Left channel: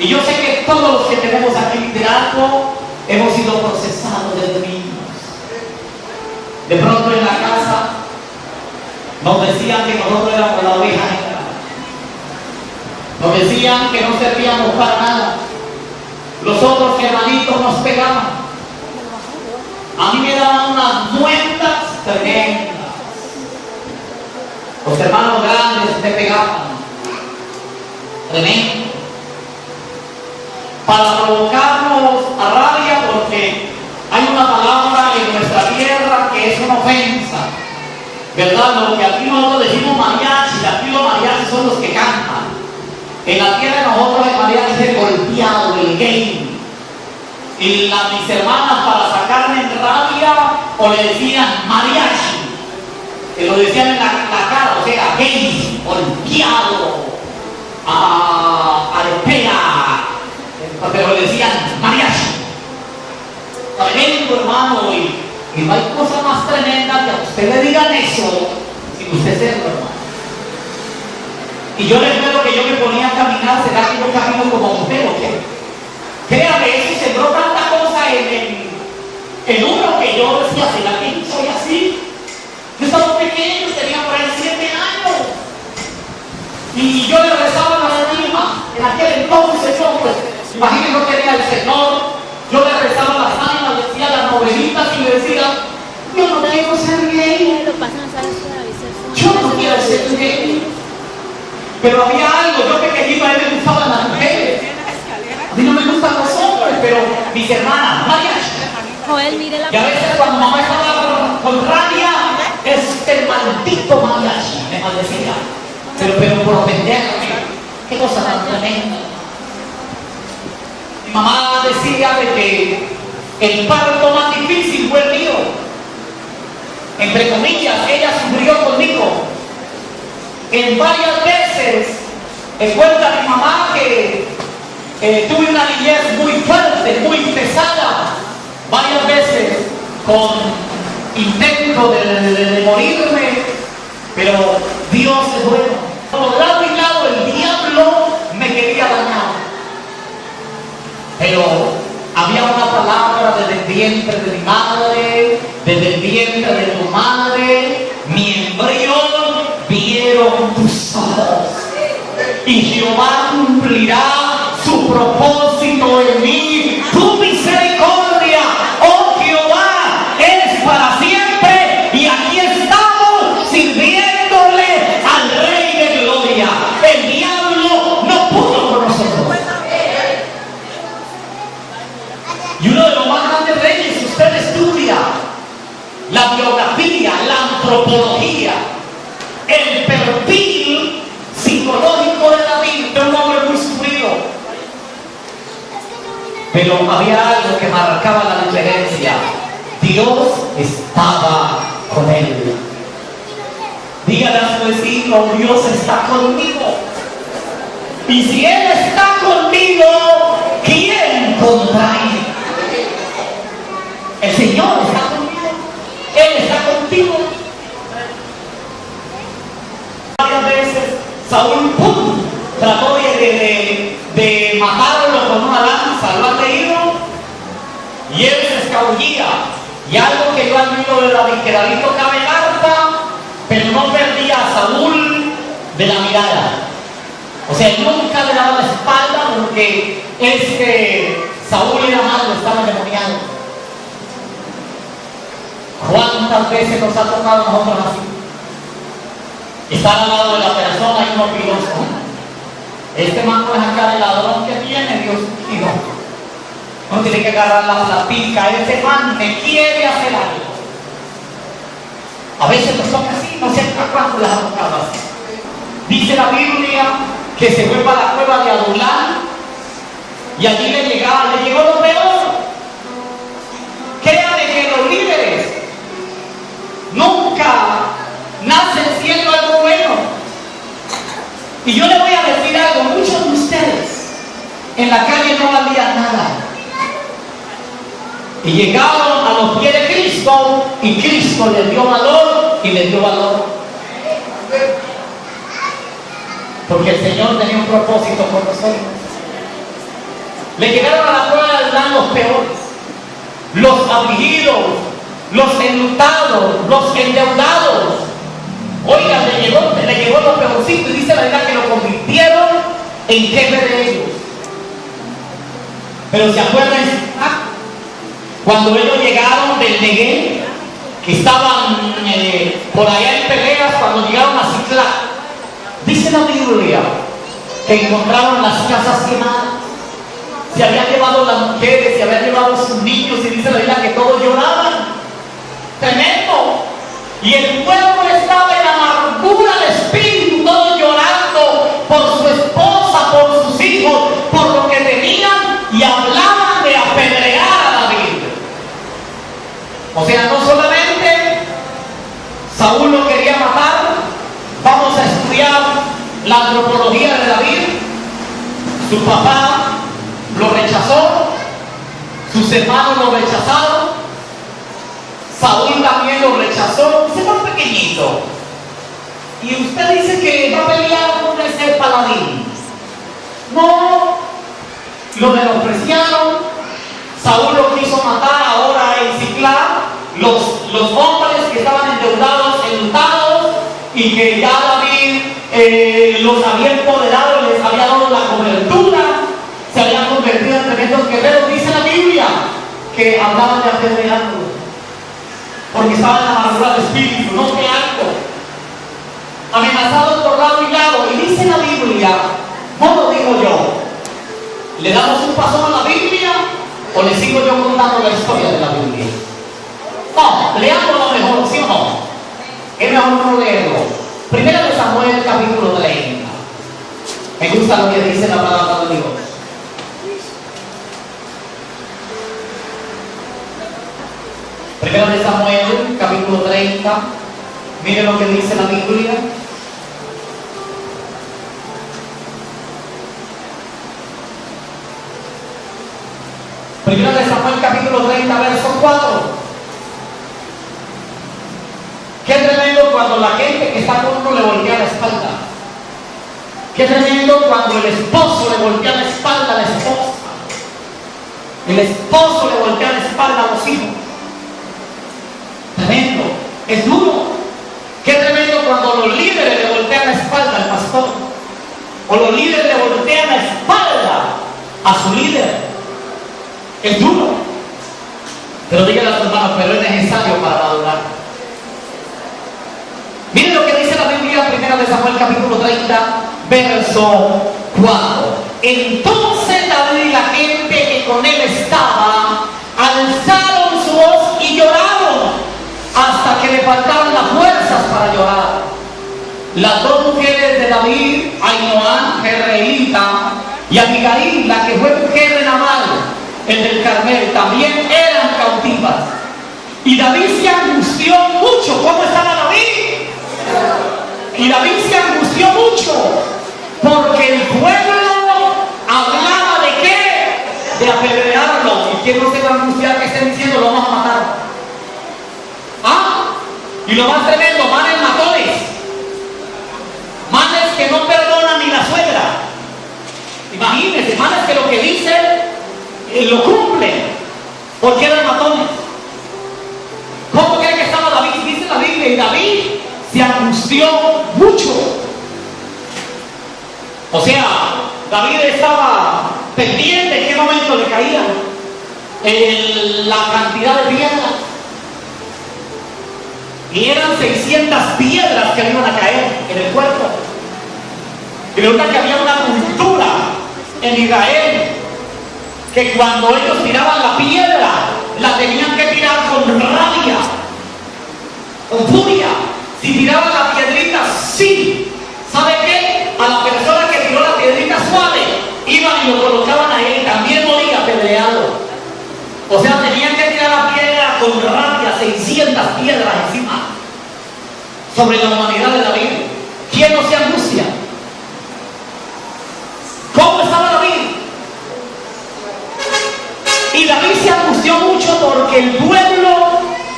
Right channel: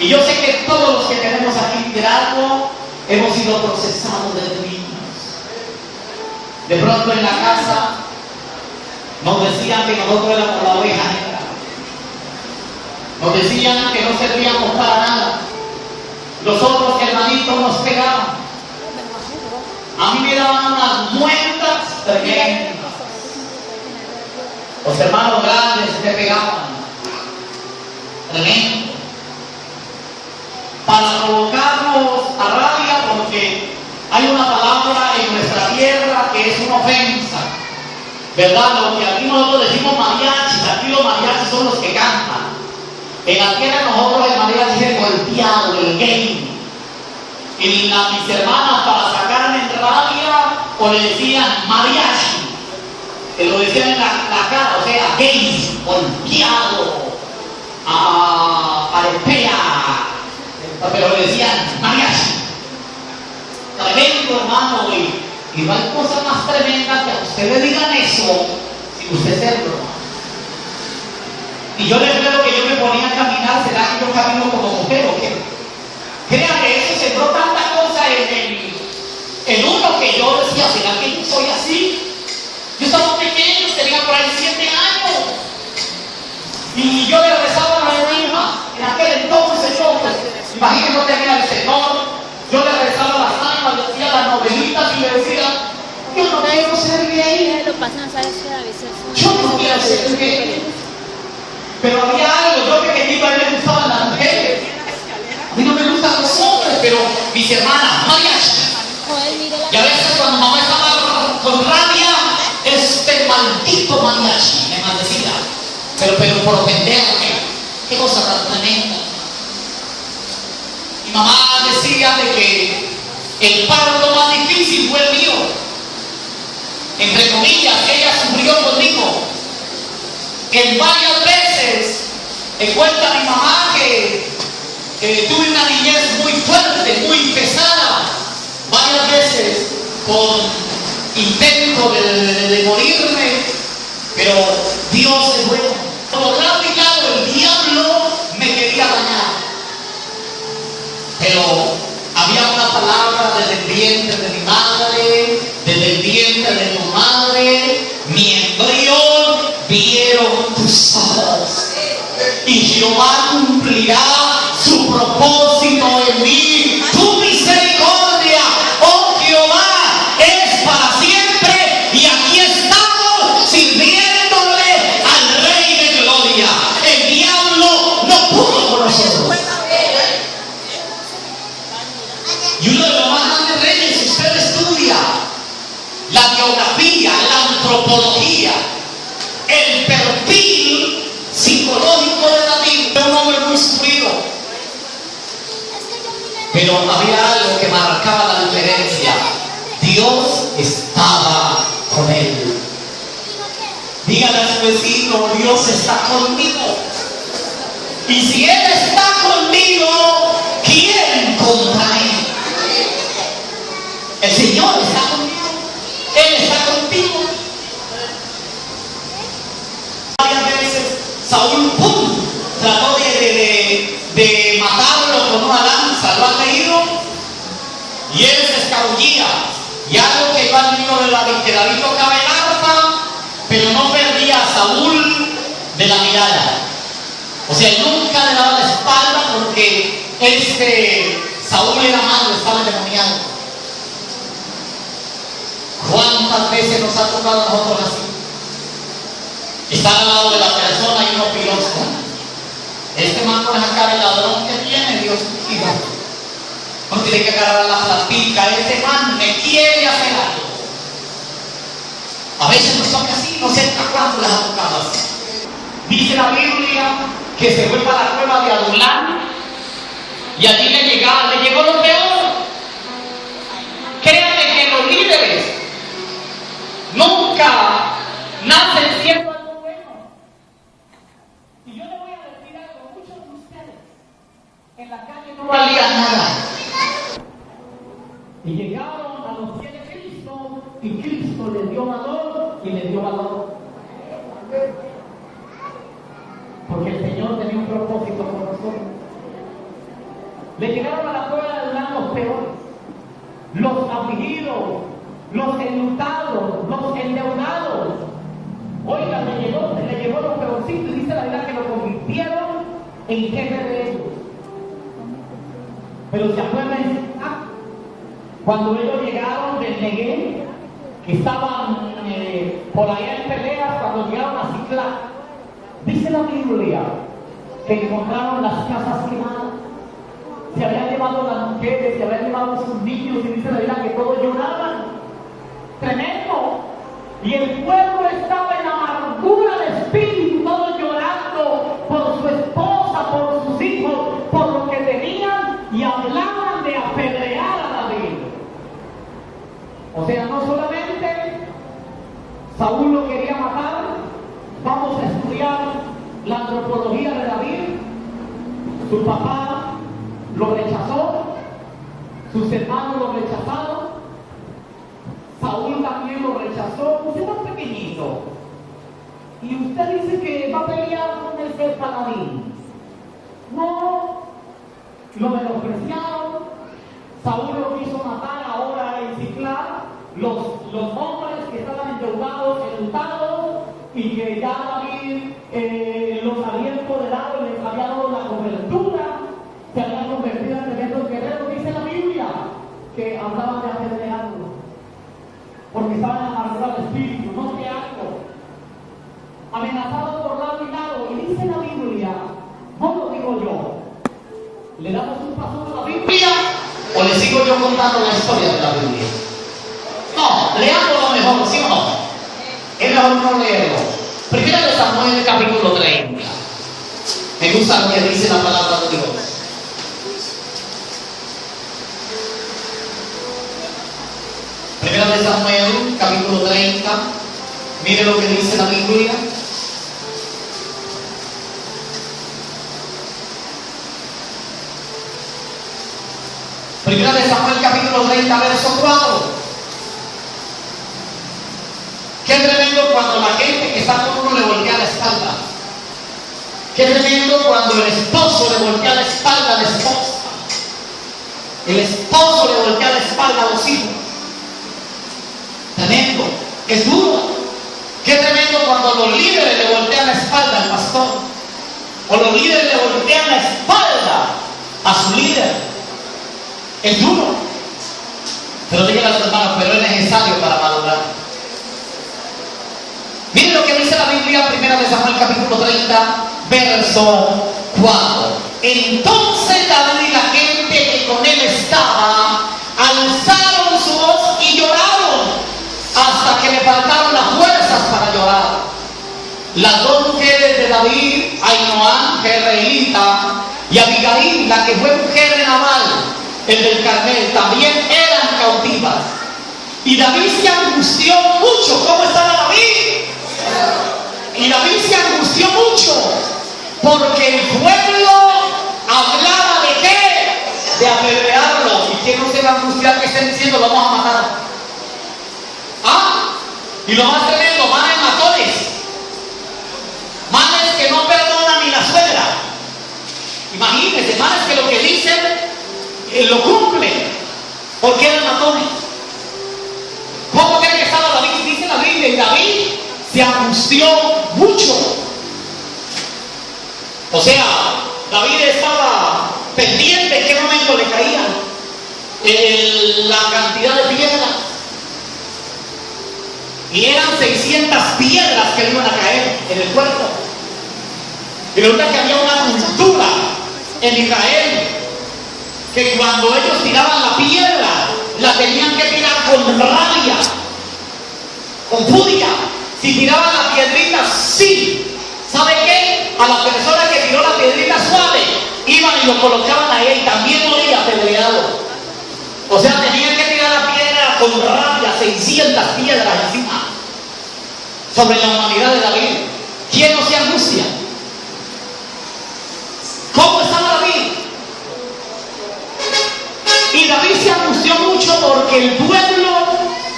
Y yo sé que todos los que tenemos aquí liderazgo hemos sido procesados desde niños. De pronto en la casa nos decían que nosotros éramos la oveja negra. Nos decían que no servíamos para nada. Los otros hermanitos nos pegaban. A mí me daban unas muertas tremendas. Los hermanos grandes te pegaban. Tremendo. Para provocarnos a rabia, porque hay una palabra en nuestra tierra que es una ofensa, ¿verdad? Lo que aquí nosotros decimos mariachi, aquí los mariachis son los que cantan. En la tierra de nosotros el mariachi es el golpeado, el gay. Y mis hermanas, para sacarme en rabia, o le decían mariachi, que lo decían en la cara, o sea, gay, golpeado, arepea, pero le decían mariachi. Tremendo, hermano, y no hay cosa más tremenda que a usted le digan eso sin usted serlo, hermano. Y yo recuerdo que yo me ponía a caminar, ¿será que yo camino como mujer o qué? Créame, eso sembró tanta cosa en uno que yo decía, ¿será que soy así? Yo estaba pequeño, tenía por ahí 7 años. Y yo le rezaba las ánimas. En aquel entonces yo, pues, imagínate, no tenía el Señor. Yo le rezaba las ánimas, decía las novelitas y le decía, yo no quiero ser gay. Yo no quiero ser gay. Pero había algo, yo pequeñito, a él le gustaban las mujeres. A mí no me gustan los hombres, pero mis hermanas, mariachi. Y a veces cuando mamá estaba con rabia, este maldito mariachi me maldecía. Pero por ofenderme, qué cosa tan tremenda. Mi mamá decía de que el parto más difícil fue el mío. Entre comillas, ella sufrió conmigo. En varias veces cuenta mi mamá que tuve una niñez muy fuerte, muy pesada. Varias veces con intento de morirme, pero Dios es bueno. Por lado y lado el diablo me quería dañar. Pero había una palabra desde el vientre de mi madre, desde el vientre de tu madre, mi embrión vieron tus ojos. Y Jehová cumplirá su propósito en mí. Tu misericordia, oh Jehová, es para siempre. Y aquí estamos sirviéndole al Rey de Gloria. El diablo no pudo con nosotros. Y uno de los más grandes reyes, si usted estudia la biografía, la antropología, el perfil psicológico de David, era un hombre muy sufrido. Pero había algo que marcaba la diferencia. Dios estaba con él. Dígale a su vecino, Dios está conmigo. Y si Él está conmigo, ¿quién contra él? El Señor está conmigo. Él está contigo. Varias veces Saúl trató de matarlo con una lanza. ¿Lo han leído? Y él se escabullía. Y algo que yo admiro de David, que David tocaba el arpa, pero no perdía a Saúl de la mirada. O sea, nunca le daba la espalda porque Saúl era malo, estaba endemoniado. ¿Cuántas veces nos ha tocado a nosotros así? Estar al lado de la persona y uno piensa, este man con esa cara de ladrón que tiene, Dios mío. No tiene que agarrar la pica, este man me quiere hacer algo. A veces nos toca así, no sé a cuánto les ha tocado así. Dice la Biblia que se fue para la cueva de Adulán y allí le llegó lo peor. Créanme que los líderes nunca nacen siendo algo bueno. Y yo le voy a decir algo, muchos de ustedes en la calle no valían nada. Y llegaron a los pies de Cristo y Cristo les dio valor y les dio valor. Porque el Señor tenía un propósito con nosotros. le llegaron a la prueba del Dan los peores, los afligidos, los enlutados, los endeudados. Oiga, le llegó lo peorcito, y dice la Biblia que lo convirtieron en jefe de ellos. Pero se acuerdan cuando ellos llegaron del Neguev, que estaban por allá en peleas, cuando llegaron a Ciclac, dice la Biblia que encontraron las casas quemadas, se habían llevado las mujeres, se habían llevado sus niños, y dice la Biblia que todos lloraban. Tremendo. Y el pueblo estaba en amargura de espíritu, todos llorando por su esposa, por sus hijos, por lo que tenían, y hablaban de apedrear a David. O sea, no solamente Saúl lo quería matar. Vamos a estudiar la antropología de David. Su papá lo rechazó, sus hermanos lo rechazaron, Saúl también lo rechazó, se fue pequeñito. Y usted dice que va a pelear con ese paladín. No, lo menospreciaron. Saúl lo quiso matar ahora en Ciclac. Los hombres que estaban endeudados, enlutados, y que ya David los había empoderado, les había dado la cobertura, se habían convertido en tremendos guerreros. Dice la Biblia que hablaban de apedrearlo, porque estaban en la amargura de espíritu, no que algo, amenazados por lado y lado. Y dice la Biblia, no lo digo yo, ¿le damos un paso a la Biblia o le sigo yo contando la historia de la Biblia? No, leámoslo mejor, ¿sí o no? Es mejor no leerlo. Primero de Samuel, capítulo 30. Me gusta lo que dice la palabra de Dios. Primero de Samuel, capítulo 30. Mire lo que dice la Biblia. Primero de Samuel, capítulo 30, verso 4. Qué tremendo cuando la gente que está con uno le voltea la espalda. Qué tremendo cuando el esposo le voltea la espalda a la esposa. El esposo le voltea la espalda a los hijos. Tremendo, es duro. Qué tremendo cuando los líderes le voltean la espalda al pastor, o los líderes le voltean la espalda a su líder. Es duro. Pero digan a sus hermanos, pero es necesario para madurar. Miren lo que dice la Biblia, primero de Samuel, capítulo 30, verso 4. Entonces David y la gente que con él estaba alzaron su voz y lloraron hasta que le faltaron las fuerzas para llorar. Las dos mujeres de David, Ainoam, jezreelita, y Abigail, la que fue mujer de Nabal, el del Carmel, también eran cautivas. Y David se angustió mucho. ¿Cómo estaba David? Y David se angustió mucho porque el pueblo hablaba de qué, de apedrearlo. Y quién no se va a angustiar que estén diciendo lo vamos a matar. Y lo más tremendo, manes matones, manes que no perdonan ni la suegra. Imagínense, manes que lo que dicen lo cumplen, porque eran matones. ¿Cómo cree que estaba David? Dice la Biblia, y David se angustió mucho. O sea, David estaba pendiente en qué momento le caía la cantidad de piedras. Y eran 600 piedras que le iban a caer en el cuerpo. Y resulta que había una cultura en Israel que cuando ellos tiraban la piedra, la tenían que tirar con rabia, con furia. Si tiraban la piedrita, sí. ¿Sabe qué? A la persona que tiró la piedrita suave, iban y lo colocaban a él, también dolía apedreado. O sea, tenían que tirar la piedra con rabia, 600 piedras encima, sobre la humanidad de David. ¿Quién no se angustia? ¿Cómo estaba David? Y David se angustió mucho porque el pueblo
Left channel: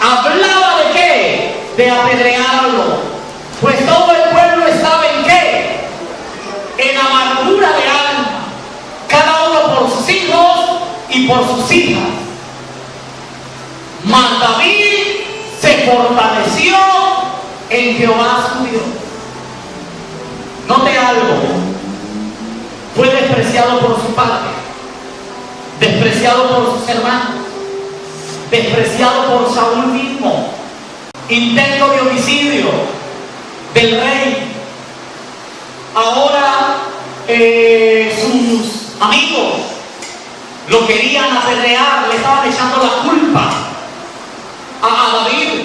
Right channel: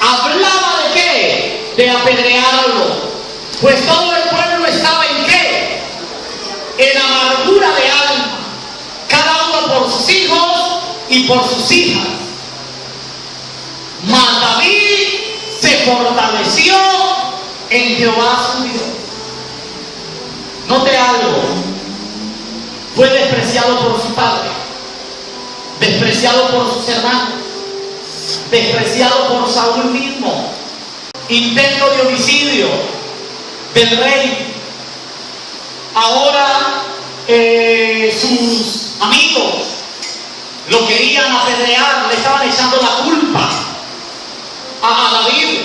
hablaba de qué, de apedrearlo. Pues todo el pueblo estaba en qué, y por sus hijas. Mas David se fortaleció en Jehová su Dios. Note algo. Fue despreciado por su padre, despreciado por sus hermanos, despreciado por Saúl mismo, intento de homicidio del rey. Ahora sus amigos lo querían apedrear, le estaban echando la culpa a David.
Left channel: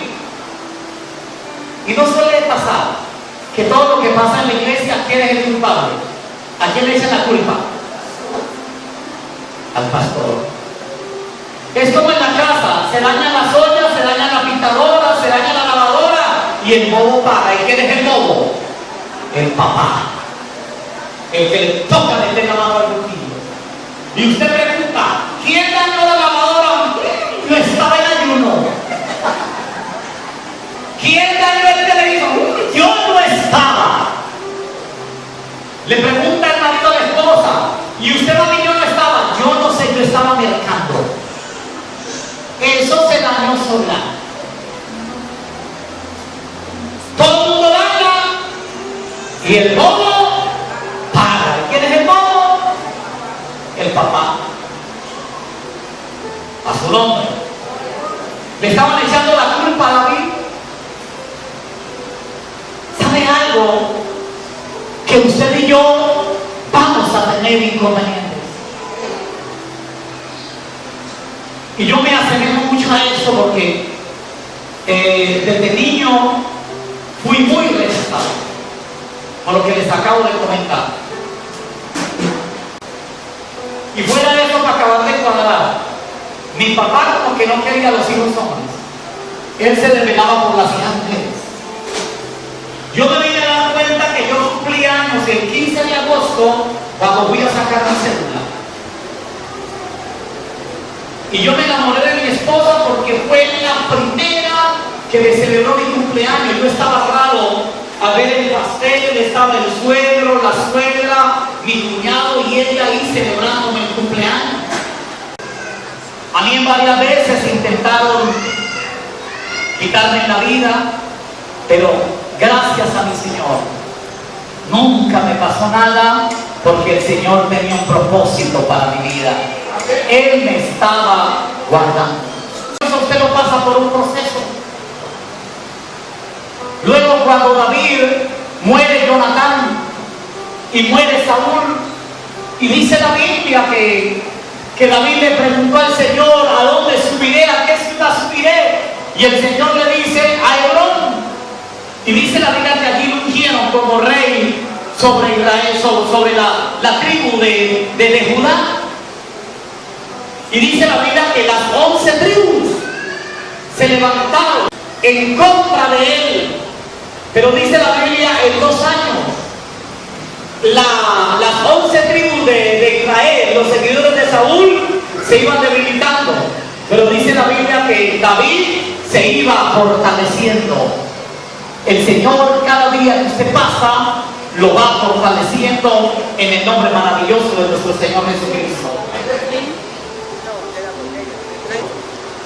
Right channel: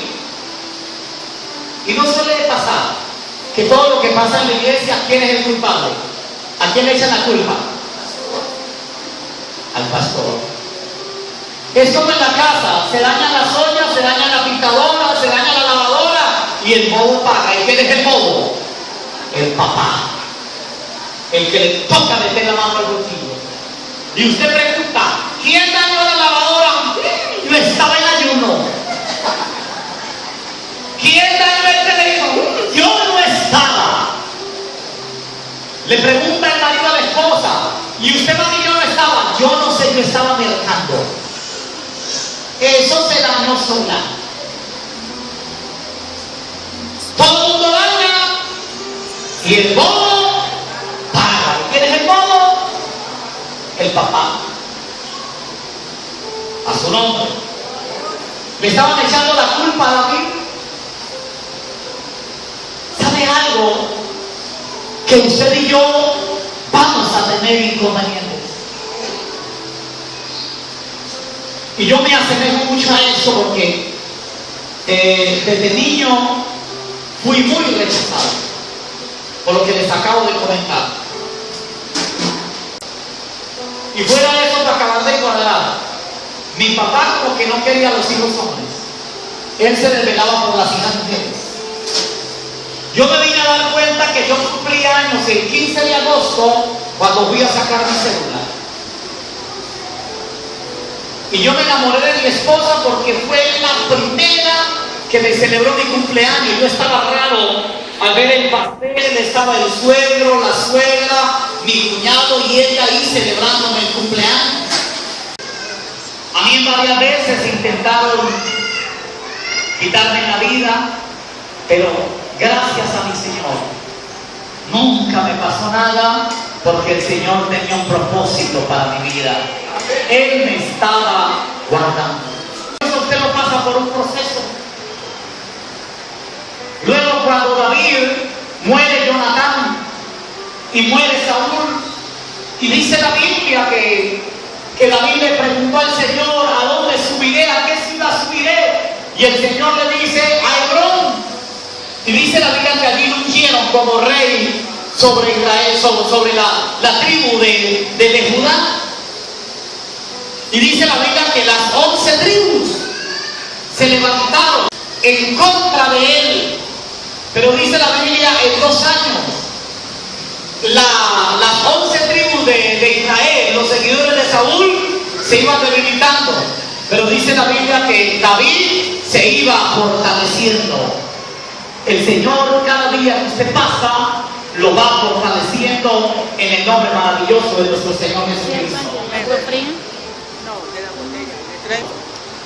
Y no suele pasar que todo lo que pasa en la iglesia, ¿quién es el culpable? ¿A quién le echan la culpa? Al pastor. Es como en la casa, se dañan las ollas, se daña la pintadora, se daña la lavadora y el bobo paga. ¿Y quién es el bobo? El papá, el que le toca meter la mano al bolsillo. Y usted pregunta, ¿quién dañó la lavadora? Yo estaba en ayuno. ¿Quién dañó el televisor? Yo no estaba. Le pregunta el marido a la esposa, ¿y usted mami yo no estaba? Yo no sé, yo estaba mercando. Eso se dañó sola. Todo el mundo daña y el bobo paga. ¿Y quién es el bobo? El papá. A su nombre. Le estaban echando la culpa a David. ¿Sabe algo? Que usted y yo vamos a tener inconvenientes. Y yo me asemejo mucho a eso porque desde niño fui muy rechazado, por lo que les acabo de comentar. Y fuera de eso, para acabar de cuadrar, mi papá como que no quería a los hijos hombres. Él se desvelaba por las hijas mujeres. Yo me vine a dar cuenta que yo cumplí años el 15 de agosto cuando fui a sacar mi cédula. Y yo me enamoré de mi esposa porque fue la primera que me celebró mi cumpleaños. Yo estaba raro al ver el pastel, estaba el suegro, la suegra, mi cuñado y ella ahí celebrándome el cumpleaños. A mí en varias veces intentaron quitarme la vida, pero gracias a mi Señor, nunca me pasó nada porque el Señor tenía un propósito para mi vida. Él me estaba guardando. Usted lo pasa por un proceso. Luego cuando David muere Jonatán y muere Saúl, y dice la Biblia que David le preguntó al Señor, ¿a dónde subiré? ¿A qué ciudad subiré? Y el Señor le dice, a Hebrón. Y dice la Biblia que allí ungieron como rey sobre Israel, sobre la tribu de Judá. Y dice la Biblia que las 11 tribus se levantaron en contra de él. Pero dice la Biblia en 2 años, las 11 tribus de Israel, los seguidores de Saúl, se iban debilitando. Pero dice la Biblia que David se iba fortaleciendo. El Señor cada día que usted pasa lo va fortaleciendo en el nombre maravilloso de nuestro Señor Jesucristo.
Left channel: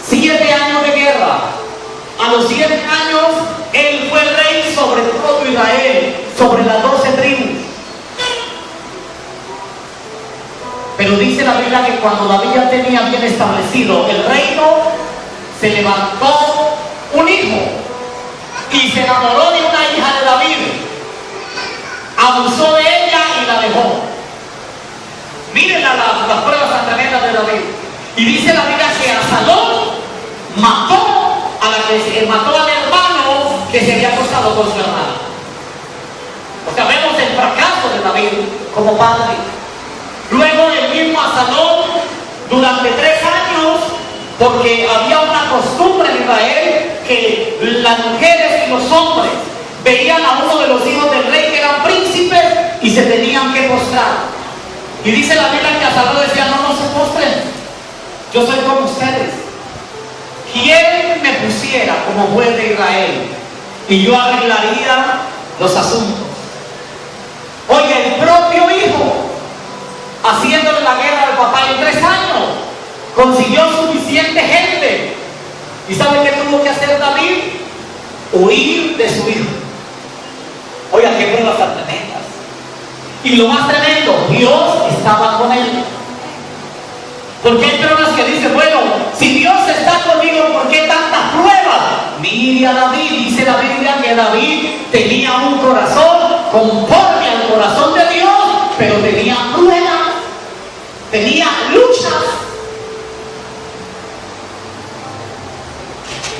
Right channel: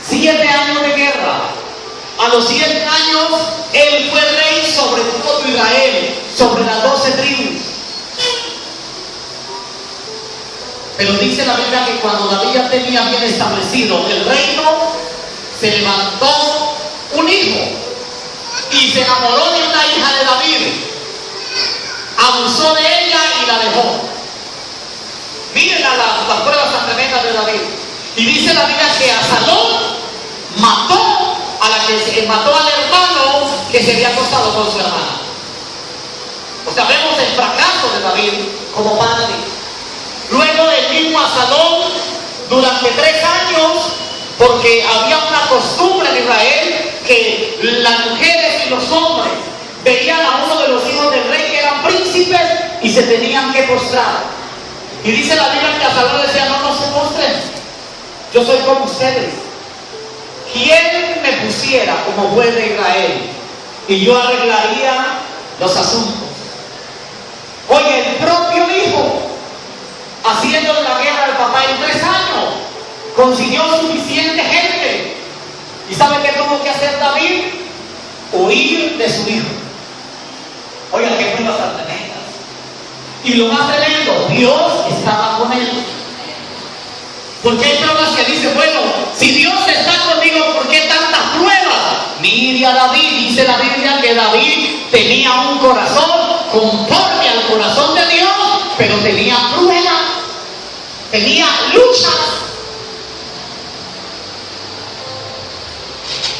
7 años de guerra. A los 7 años él fue rey sobre todo Israel, sobre las 12 tribus. Pero dice la Biblia que cuando David ya tenía bien establecido el reino, se levantó un hijo y se enamoró de una hija de David, abusó de ella y la dejó. Miren las pruebas tan tremendas de David. Y dice la Biblia que Absalón mató al hermano que se había acostado con su hermana. O sea, vemos el fracaso de David como padre. Luego el mismo Absalón, durante 3 años, porque había una costumbre en Israel que las mujeres y los hombres veían a uno de los hijos del rey que eran príncipes y se tenían que postrar. Y dice la Biblia que Absalón decía, no se postren, yo soy como ustedes. ¿Quién me pusiera como juez de Israel? Y yo arreglaría los asuntos. Oye, el propio hijo, haciéndole la guerra al papá en 3 años, consiguió suficiente gente. ¿Y sabe qué tuvo que hacer David? Huir de su hijo. Oiga, qué pruebas tan tremendas. Y lo más tremendo, Dios estaba con él. Porque hay personas que dicen, bueno, si Dios está conmigo, ¿por qué tantas pruebas? Mire a David, dice la Biblia que David tenía un corazón conforme al corazón de Dios, pero tenía pruebas, tenía luchas.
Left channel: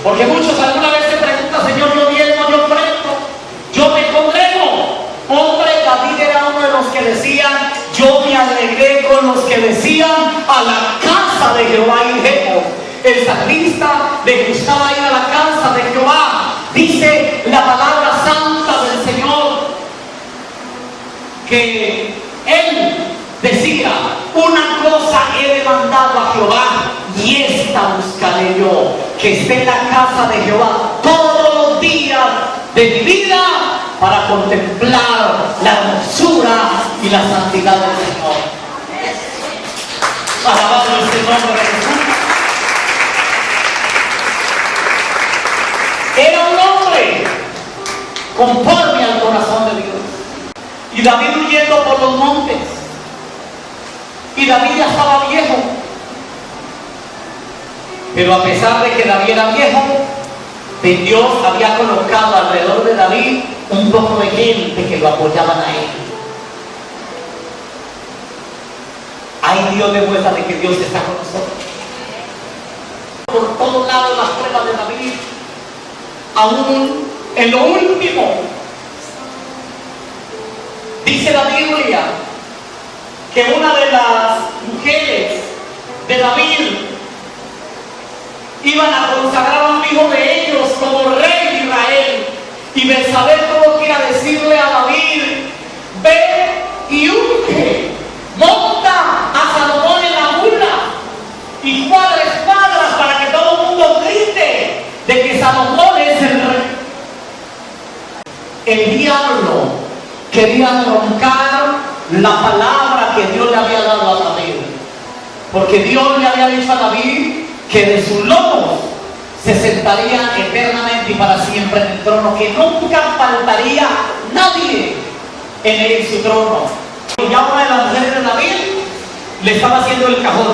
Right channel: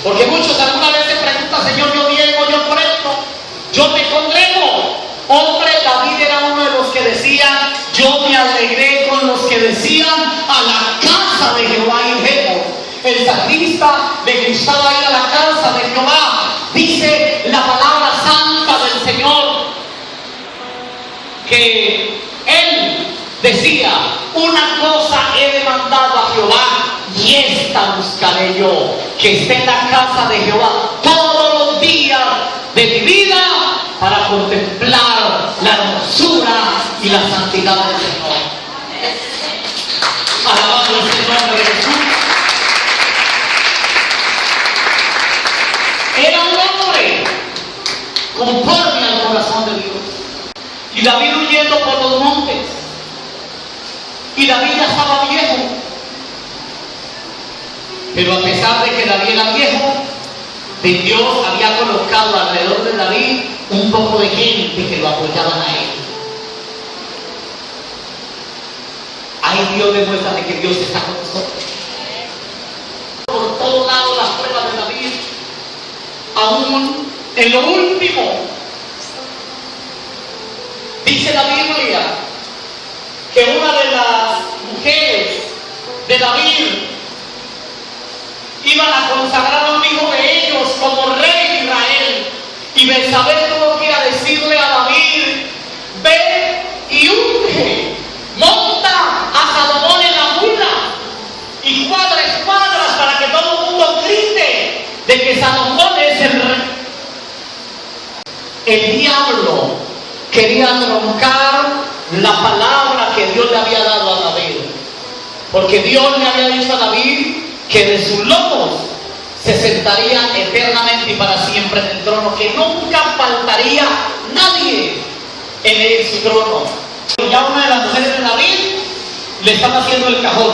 Porque muchos alguna vez se preguntan, Señor, yo diezmo, yo ofrendo, yo me congrego. Hombre, David era uno de los que decían, yo me alegré con los que decían, a la casa de Jehová iremos. El salmista le gustaba ir a la casa de Jehová. Dice la palabra santa del Señor que él decía, una cosa he demandado a Jehová y esta buscaré yo, que esté en la casa de Jehová todos los días de mi vida para contemplar la hermosura y la santidad del Señor. Alabado es el nombre de Jesús. Era un hombre conforme al corazón de Dios. Y David huyendo por los montes. Y David ya estaba viejo. Pero a pesar de que David era viejo, Dios había colocado alrededor de David un poco de gente que lo apoyaban a él. Ahí Dios demuestra de que Dios está con nosotros. Por todos lados las pruebas de David, aún en lo último, dice la Biblia que una de las mujeres de David iban a consagrar a un hijo de ellos como rey de Israel. Y Betsabé tuvo que ir a decirle a David, ve y unge, monta a Salomón en la mula y cuadra escuadras para que todo el mundo grite de que Salomón es el rey. El diablo quería truncar la palabra que Dios le había dado a David, porque Dios le había dicho a David que de sus lomos se sentaría eternamente y para siempre en el trono, que nunca faltaría nadie en su trono. Ya una de las mujeres de David le estaba haciendo el cajón,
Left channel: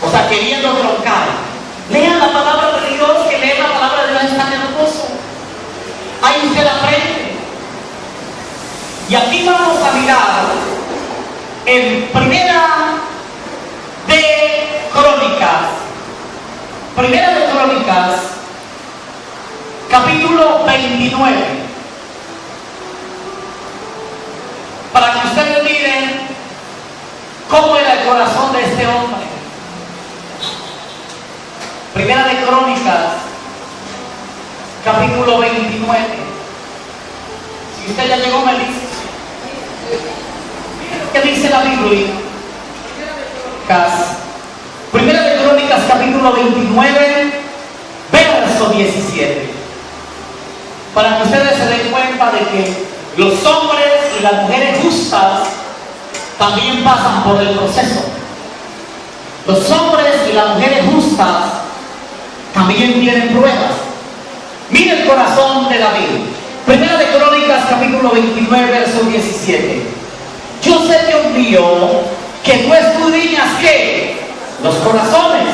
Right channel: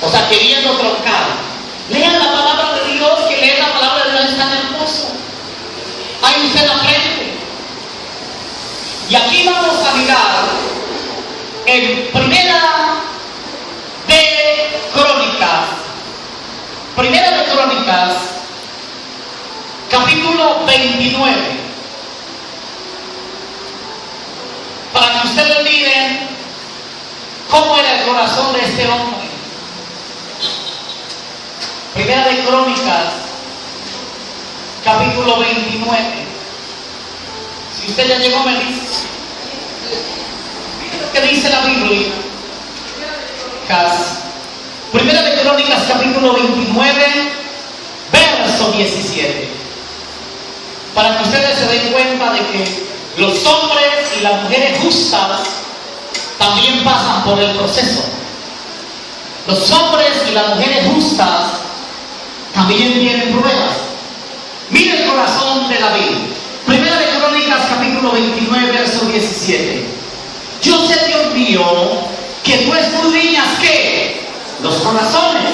o sea, queriendo troncar. Lean la palabra de Dios, que leer la palabra de Dios es tan hermoso. Ahí usted aprende. Y aquí vamos a mirar en Primera de Crónicas, capítulo 29. Para que ustedes miren cómo era el corazón de este hombre. Primera de Crónicas, capítulo 29. Si usted ya llegó, me dice. ¿Qué dice la Biblia? Primera de Crónicas, capítulo 29, verso 17. Para que ustedes se den cuenta de que los hombres y las mujeres justas también pasan por el proceso. Los hombres y las mujeres justas también tienen pruebas. Mire el corazón de David. Primera de Crónicas, capítulo 29, verso 17. Yo sé, Dios mío, que tú escudriñas ¿qué? Los corazones,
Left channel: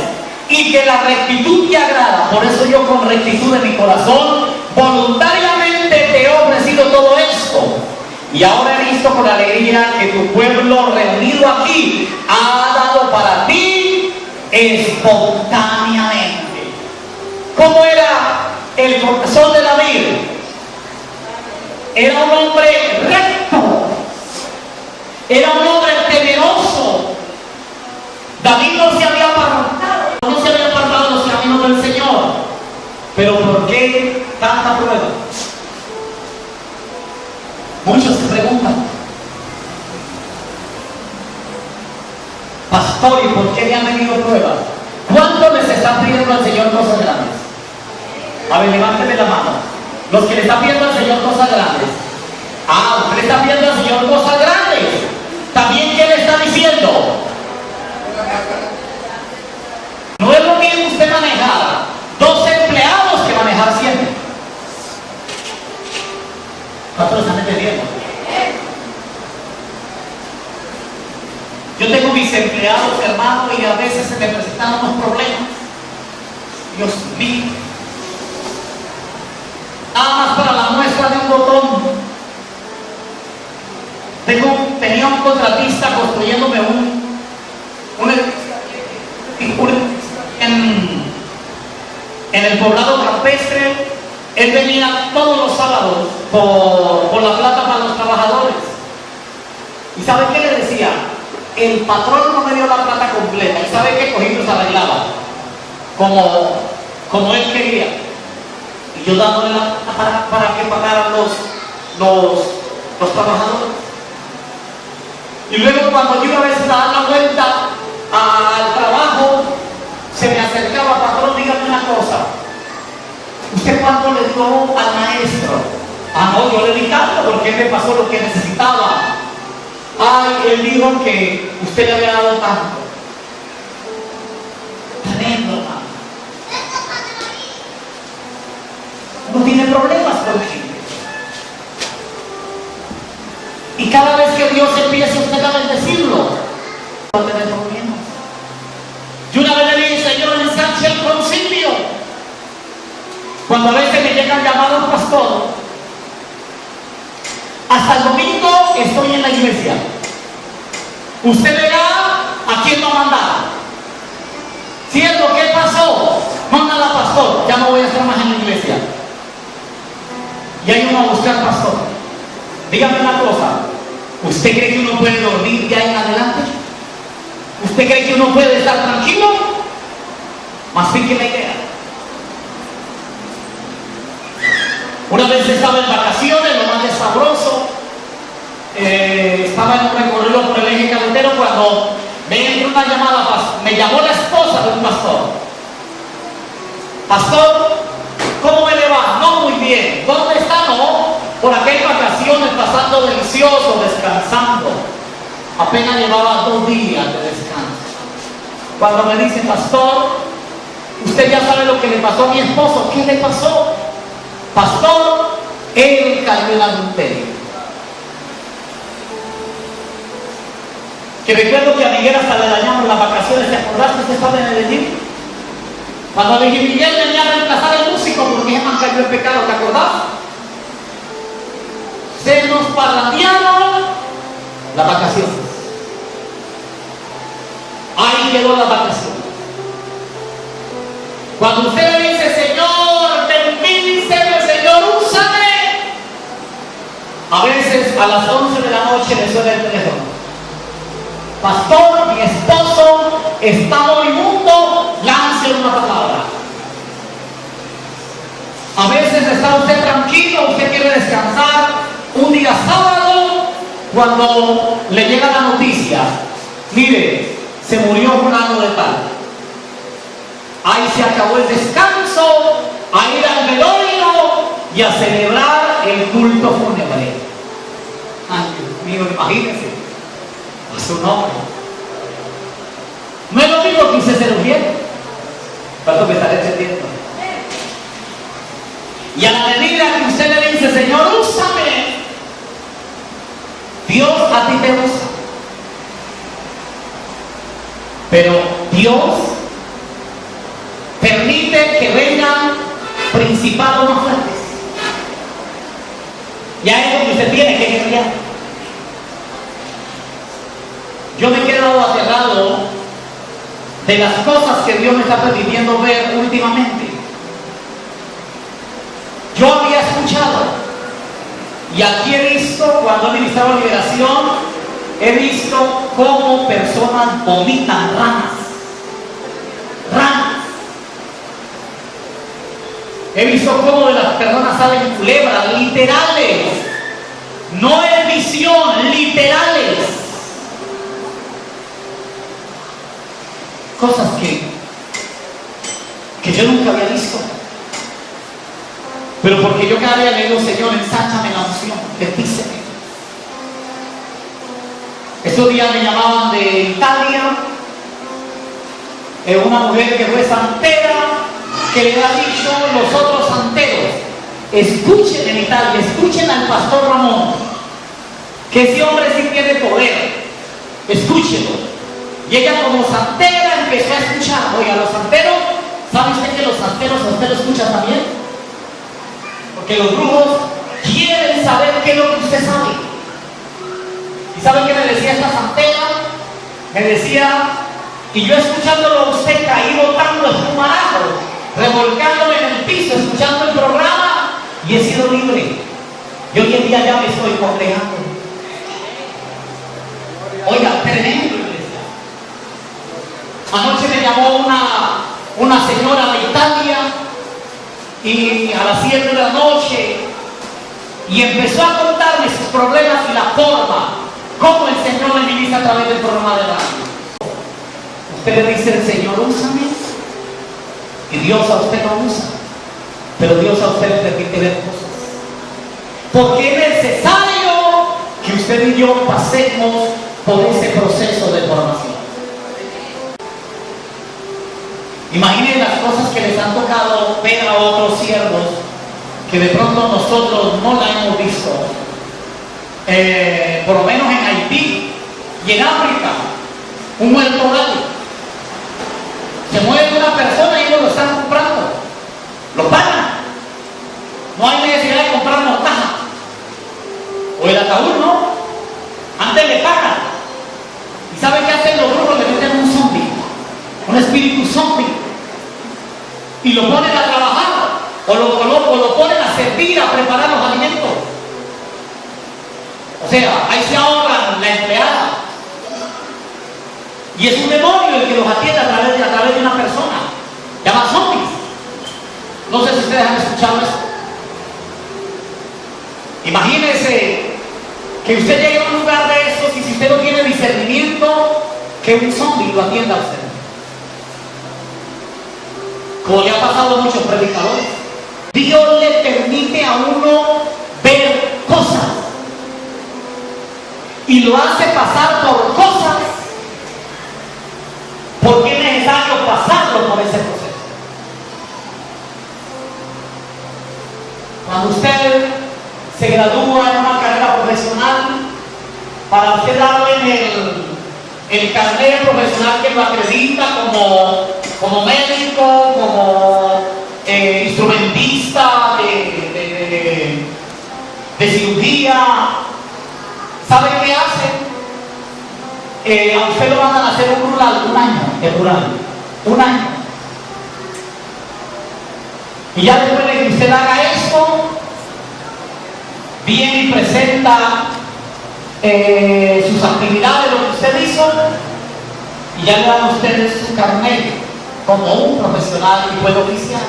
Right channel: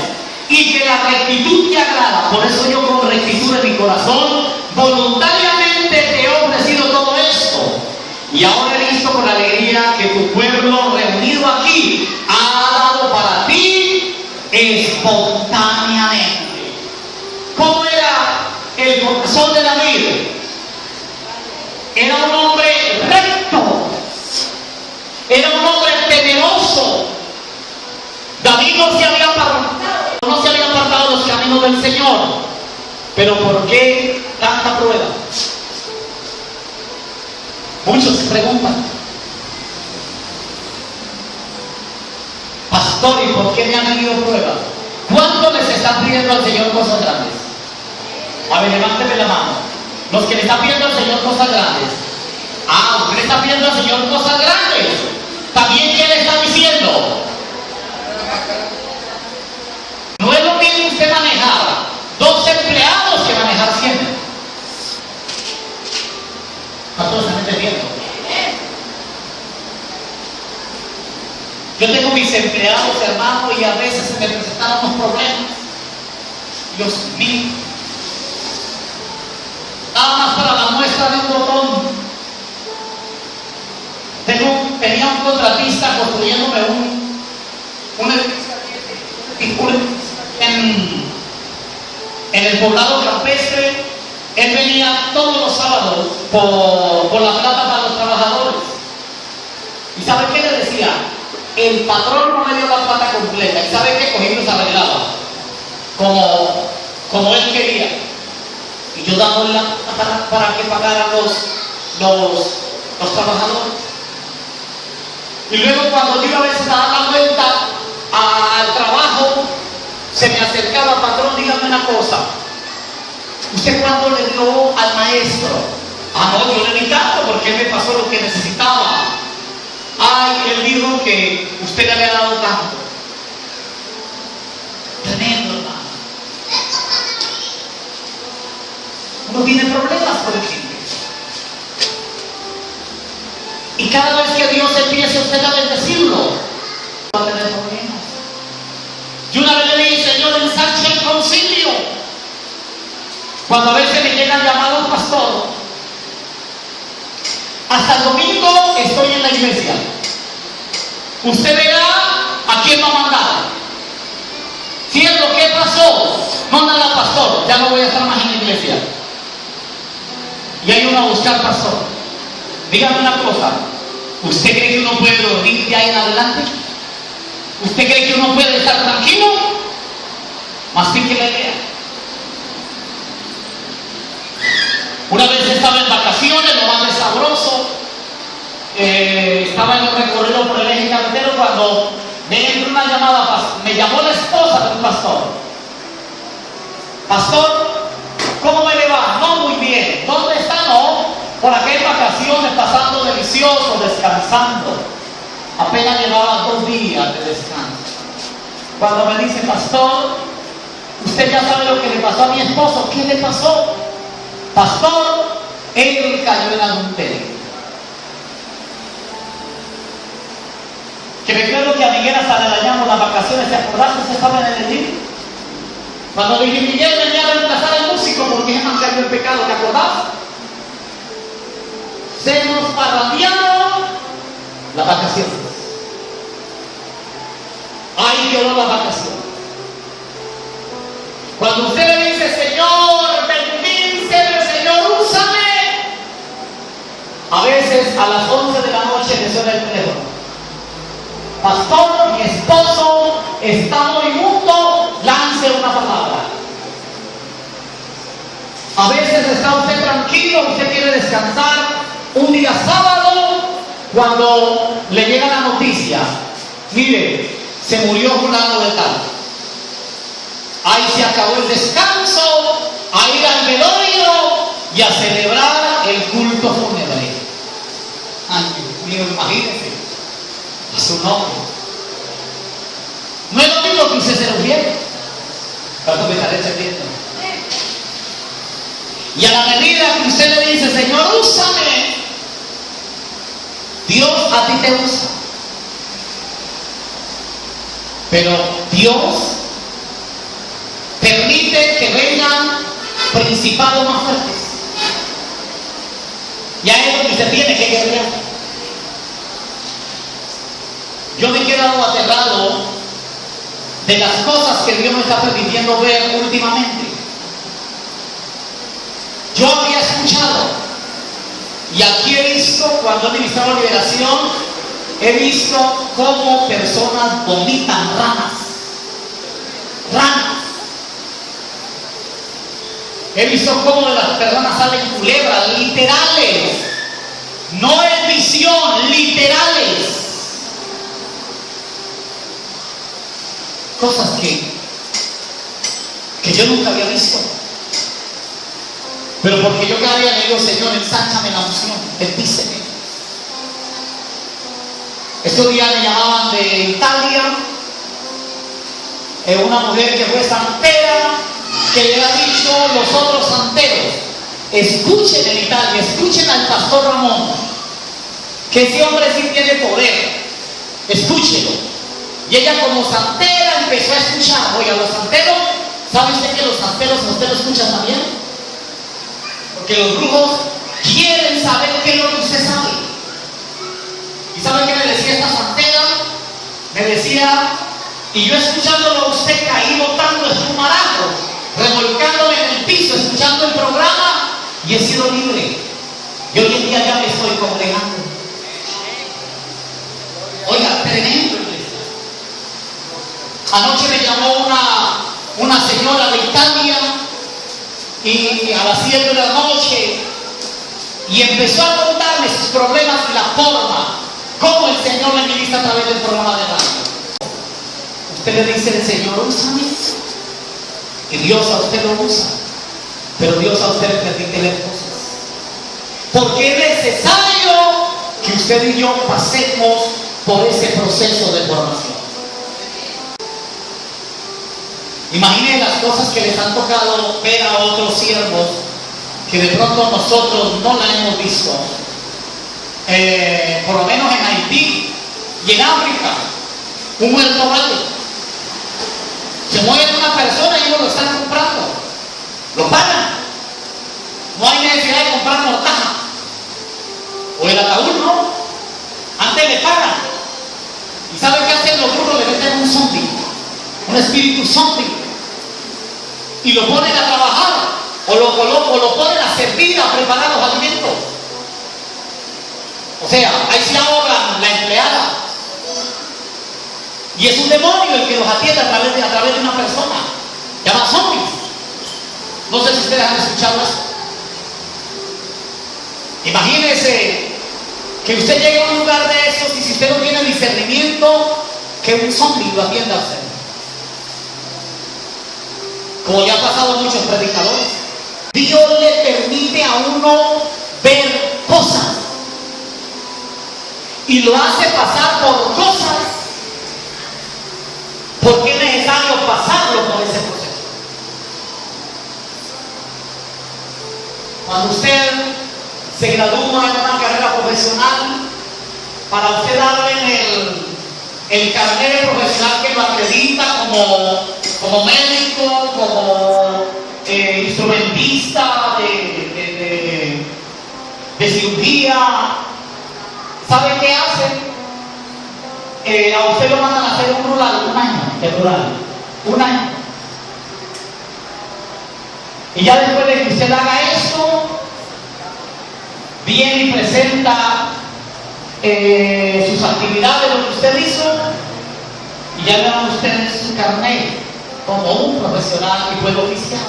y que la rectitud te agrada. Por eso yo, con rectitud en mi corazón, voluntariamente te he ofrecido todo esto. Y ahora he visto con alegría que tu pueblo reunido aquí ha dado para ti espontáneamente. ¿Cómo era el corazón de David? Era un hombre recto, era un hombre temeroso. David no se había apartado de los caminos del Señor. Pero ¿por qué tanta prueba? Muchos se preguntan, pastor, ¿y por qué me han venido pruebas? ¿Cuántos les están pidiendo al Señor cosas grandes? A ver, levánteme la mano. Los que le están pidiendo al Señor cosas grandes. Ah, usted le está pidiendo al Señor cosas grandes. También, ¿qué le está diciendo? mis empleados, hermano, y a veces se me presentan unos problemas. Dios mío. Nada más para la muestra de un botón. Tenía un contratista construyéndome un edificio en el poblado campestre. Él venía todos los sábados por la plata para los trabajadores. ¿Y sabe qué le decía? El patrón no me dio la plata completa. ¿Y sabe qué? Cogí y los arreglaba como él quería. Y yo dándole la plata para que pagaran los trabajadores. Y luego cuando yo iba a veces a dar la vuelta al trabajo, se me acercaba: patrón, dígame una cosa. ¿Usted cuánto le dio al maestro? Ah, no, yo le di tanto porque él me pasó lo que necesitaba. Ay, él dijo que usted le había dado tanto. Tremendo, hermano. No tiene problemas con el gente. Y cada vez que Dios empiece usted a bendecirlo, va a tener problemas. Yo una vez le dije: Señor, ensanche el concilio. Cuando a veces me llegan llamados pastor, hasta el domingo estoy en la iglesia. Usted verá a quién va a mandar. ¿Cierto? ¿Qué pasó? Mándala, pastor. Ya no voy a estar más en la iglesia. Y hay uno a buscar pastor. Dígame una cosa. ¿Usted cree que uno puede dormir ya en adelante? ¿Usted cree que uno puede estar tranquilo? Mastique la idea. Una vez estaba en vacaciones, lo más de sabroso. Estaba en un recorrido por el eje cafetero cuando me entra una llamada. Me llamó la esposa de un pastor. Pastor, ¿cómo me le va? No, muy bien. ¿Dónde está? No, por acá en vacaciones, pasando delicioso, descansando. Apenas llevaba 2 días de descanso. Cuando me dice: pastor, usted ya sabe lo que le pasó a mi esposo. ¿Qué le pasó? Pastor, él cayó en adulterio. Que recuerdo que a Miguel hasta le dañamos las vacaciones. ¿Te acordaste? Usted estaba en el Edil. Cuando le dije: Miguel, venía a reemplazar el músico porque ya más cayó el pecado. ¿Te acordás? Se nos parrandearon las vacaciones. Ahí quedó la vacación. Cuando usted le dice: Señor, bendíceme, Señor, úsame, a veces a las 11 de la noche le suena el teléfono: pastor, mi esposo está moribundo, lance una palabra. A veces está usted tranquilo, usted quiere descansar. Un día sábado, cuando le llega la noticia: mire, se murió fulano de tal. Ahí se acabó el descanso, a ir al velorio y a celebrar el culto fúnebre. Ay, Dios mío, imagínense. A su nombre. No es lo mismo que usted se lo pierda. Tanto que estaré entendiendo. Y a la medida que usted le dice: Señor, úsame, Dios a ti te usa. Pero Dios permite que vengan principados más fuertes. Ya es lo que usted tiene que guerrear. Yo me he quedado aterrado de las cosas que Dios me está permitiendo ver últimamente. Yo había escuchado, y aquí he visto, cuando he ministrado liberación, he visto cómo personas vomitan ranas. He visto cómo de las personas salen culebras, literales. No es visión, literales. Cosas que yo nunca había visto. Pero porque yo cada día le digo: Señor, ensánchame la unción, bendíceme. Estos días me llamaban de Italia, una mujer que fue santera, que le ha dicho los otros santeros: escuchen en Italia, escuchen al pastor Ramón, que ese hombre sí tiene poder, escúchenlo. Y ella como santera empezó a escuchar. Oiga, los santeros, ¿sabe usted que los santeros a usted lo escuchan también? Porque los brujos quieren saber qué es lo que usted sabe. ¿Y sabe qué me decía esta santera? Me decía, y yo escuchándolo a usted caído tanto espumarado, revolcándome en el piso, escuchando el programa, y he sido libre. Y hoy en día ya me estoy congregando. Oiga, tremendo, iglesia. Anoche me llamó una señora de Italia y a las 7 de la noche y empezó a contarme sus problemas y la forma como el Señor le ministra a través del programa de radio. Usted le dice al Señor, úsame, y Dios a usted lo usa, pero Dios a usted le permite ver cosas. Porque es necesario que usted y yo pasemos por ese proceso de formación. Imaginen las cosas que les han tocado ver a otros siervos que de pronto nosotros no la hemos visto. Por lo menos en Haití y en África, un muerto raro. Se muere una persona y ellos lo están comprando. Lo pagan. No hay necesidad de comprar mortaja. O el ataúd, ¿no? Antes le pagan. ¿Y sabe qué hacen los brujos? Le meten un zombie, un espíritu zombie, y lo ponen a trabajar, o lo ponen a servir, a preparar los alimentos. O sea, ahí se ahorra la empleada. Y es un demonio el que los atiende a través de una persona. Llama zombies. No sé si ustedes han escuchado esto. Imagínense que usted llegue a un lugar de esos y si usted no tiene discernimiento, que un zombie lo atienda a usted. Como ya ha pasado a muchos predicadores. Dios le permite a uno ver cosas y lo hace pasar por cosas porque es necesario pasarlo por ese proceso. Cuando usted se gradúa en una carrera profesional, para usted darlo en el carnet profesional que lo acredita como médico, como instrumentista de cirugía, ¿sabe qué hacen? A usted lo mandan a hacer un rural, un año. Y ya después de que usted haga esto, viene y presenta sus actividades, lo que usted hizo, y ya le dan a usted su carnet como un profesional y puede oficiar.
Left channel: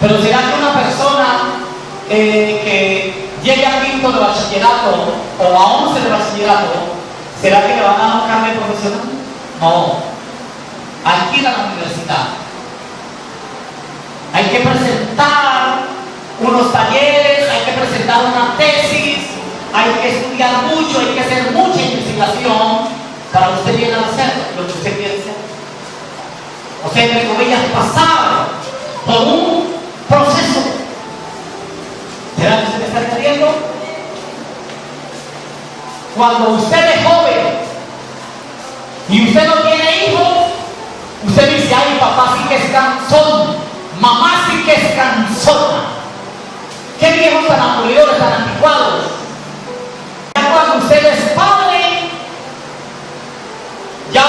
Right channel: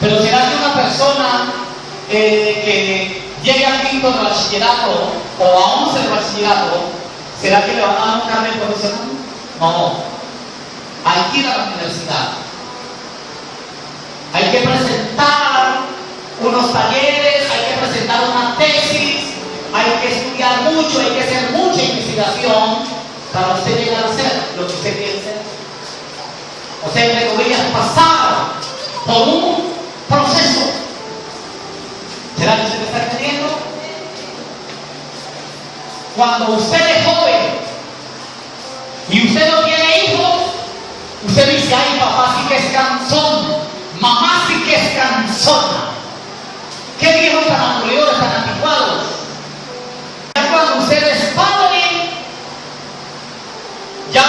Pero será que una persona que llegue a quinto de bachillerato o a 11 de bachillerato, ¿será que le van a dar un carnet profesional? No. Hay que ir a la universidad. Hay que presentar unos talleres, hay que presentar una tesis, hay que estudiar mucho, hay que hacer mucha investigación para usted llegar a ser lo que usted quiere ser. O sea, entre comillas, pasar por un proceso. ¿Será que usted me está entendiendo? Cuando usted es joven y usted no tiene hijos, usted dice, ay, papá sí que es cansón, mamá sí que es cansona. ¿Qué viejos tan aburridos, tan anticuados? Ya cuando usted es padre, ya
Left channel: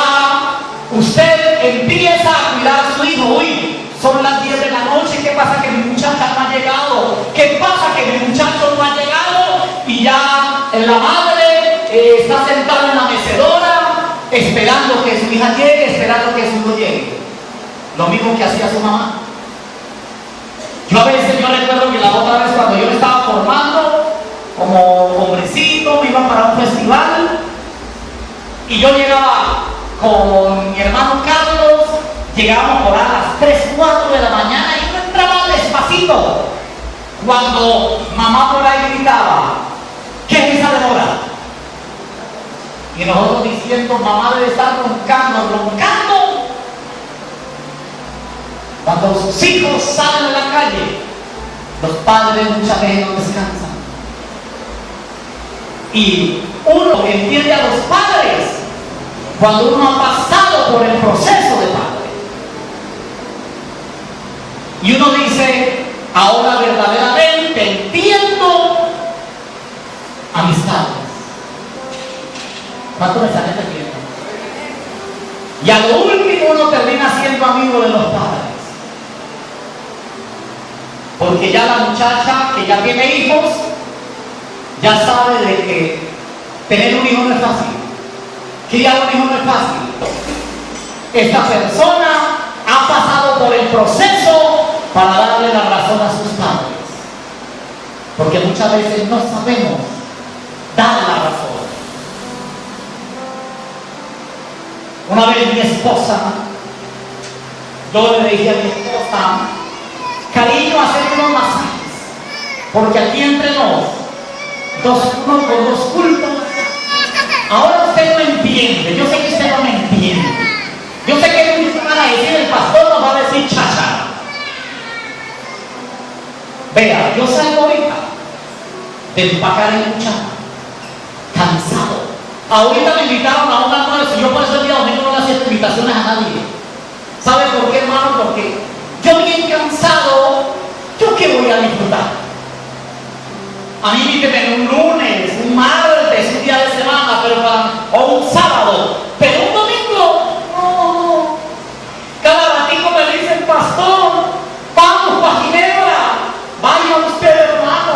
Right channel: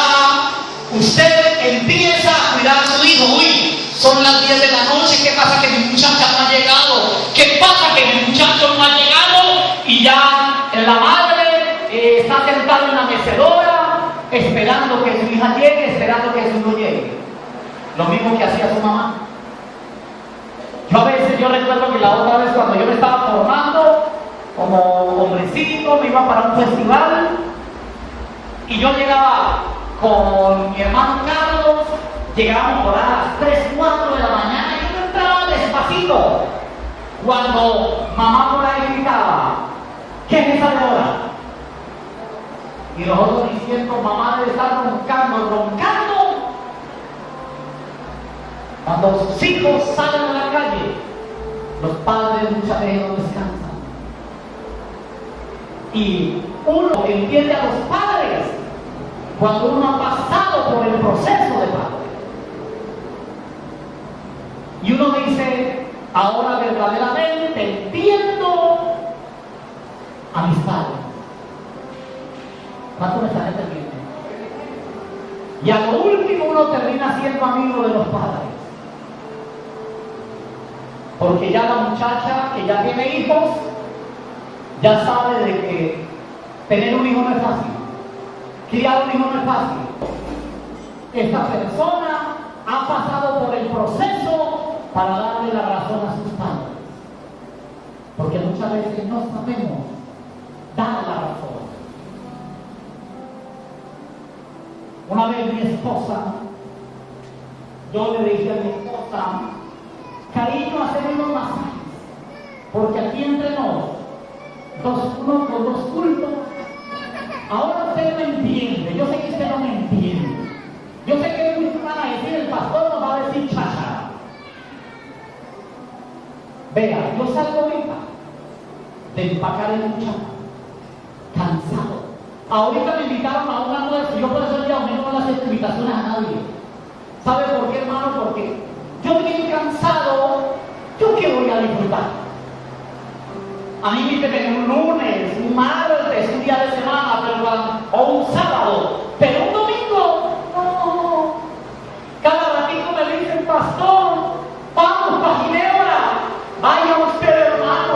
usted empieza a cuidar a su hijo. Uy, son las 10 de la noche, ¿qué pasa que mi muchacha no ha llegado? ¿Qué pasa que mi muchacho no ha llegado? Y ya la madre está sentada en la mecedora, esperando que su hija llegue, esperando que su hijo llegue. Lo mismo que hacía su mamá. Yo recuerdo que la otra vez cuando yo me estaba formando como hombrecito, me iba para un festival y yo llegaba con mi hermano Carlos, llegábamos por a las 3, 4 de la mañana y yo entraba despacito cuando mamá por ahí gritaba, ¿qué es esa demora? Y nosotros diciendo, mamá debe estar roncando. Cuando sus hijos salen a la calle, los padres muchas veces no descansan. Y uno entiende a los padres cuando uno ha pasado por el proceso de padre. Y uno dice, ahora verdaderamente entiendo amistades. ¿Cuántos mensajes te tienen? Y a lo último uno termina siendo amigo de los padres. Porque ya la muchacha que ya tiene hijos, ya sabe de que tener un hijo no es fácil. Criar un hijo no es fácil. Esta persona ha pasado por el proceso para darle la razón a sus padres. Porque muchas veces no sabemos dar la razón. Una vez mi esposa, yo le dije a mi esposa, cariño, hacer unos masajes, porque aquí entre uno con dos cultos. Ahora usted no entiende, yo sé que usted no me entiende. Yo sé que me van a decir, el pastor nos va a decir chacha. Vea, yo salgo ahorita de empacar el cuchara, cansado. Ahorita me invitaron a un almuerzo y yo por eso el día domingo no le hacía invitaciones a nadie. ¿Sabe por qué, hermano? Porque yo bien cansado, ¿yo qué voy a disfrutar? A mí invíteme un lunes, un martes, un día de semana, o un sábado, pero un domingo, no. Cada ratito me dicen, pastor, vamos para Ginebra, vaya usted, hermano.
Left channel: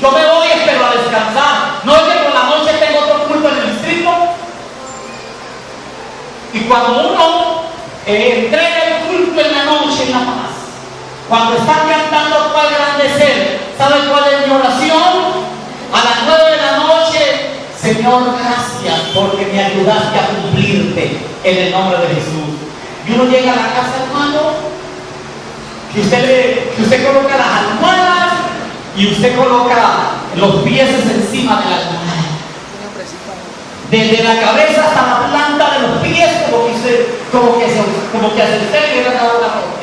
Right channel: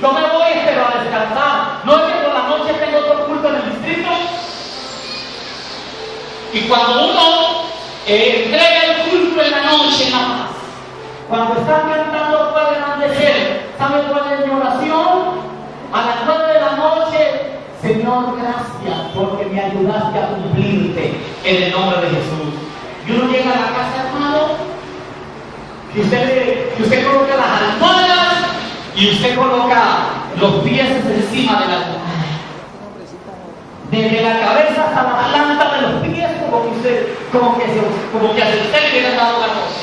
Yo me voy, pero a descansar. No es que por la noche tengo otro culto en el distrito. Y cuando uno entrega el culto en la noche, en la paz, cuando están cantando cuál grande ser, ¿saben cuál es mi oración? A las 9 de la noche, Señor, gracias porque me ayudaste a cumplirte en el nombre de Jesús. Y uno llega a la casa, hermano, que usted coloca las almohadas y usted coloca los pies encima de la almohada. Desde la cabeza hasta la planta de los pies, como que a usted le hubiera dado la ropa.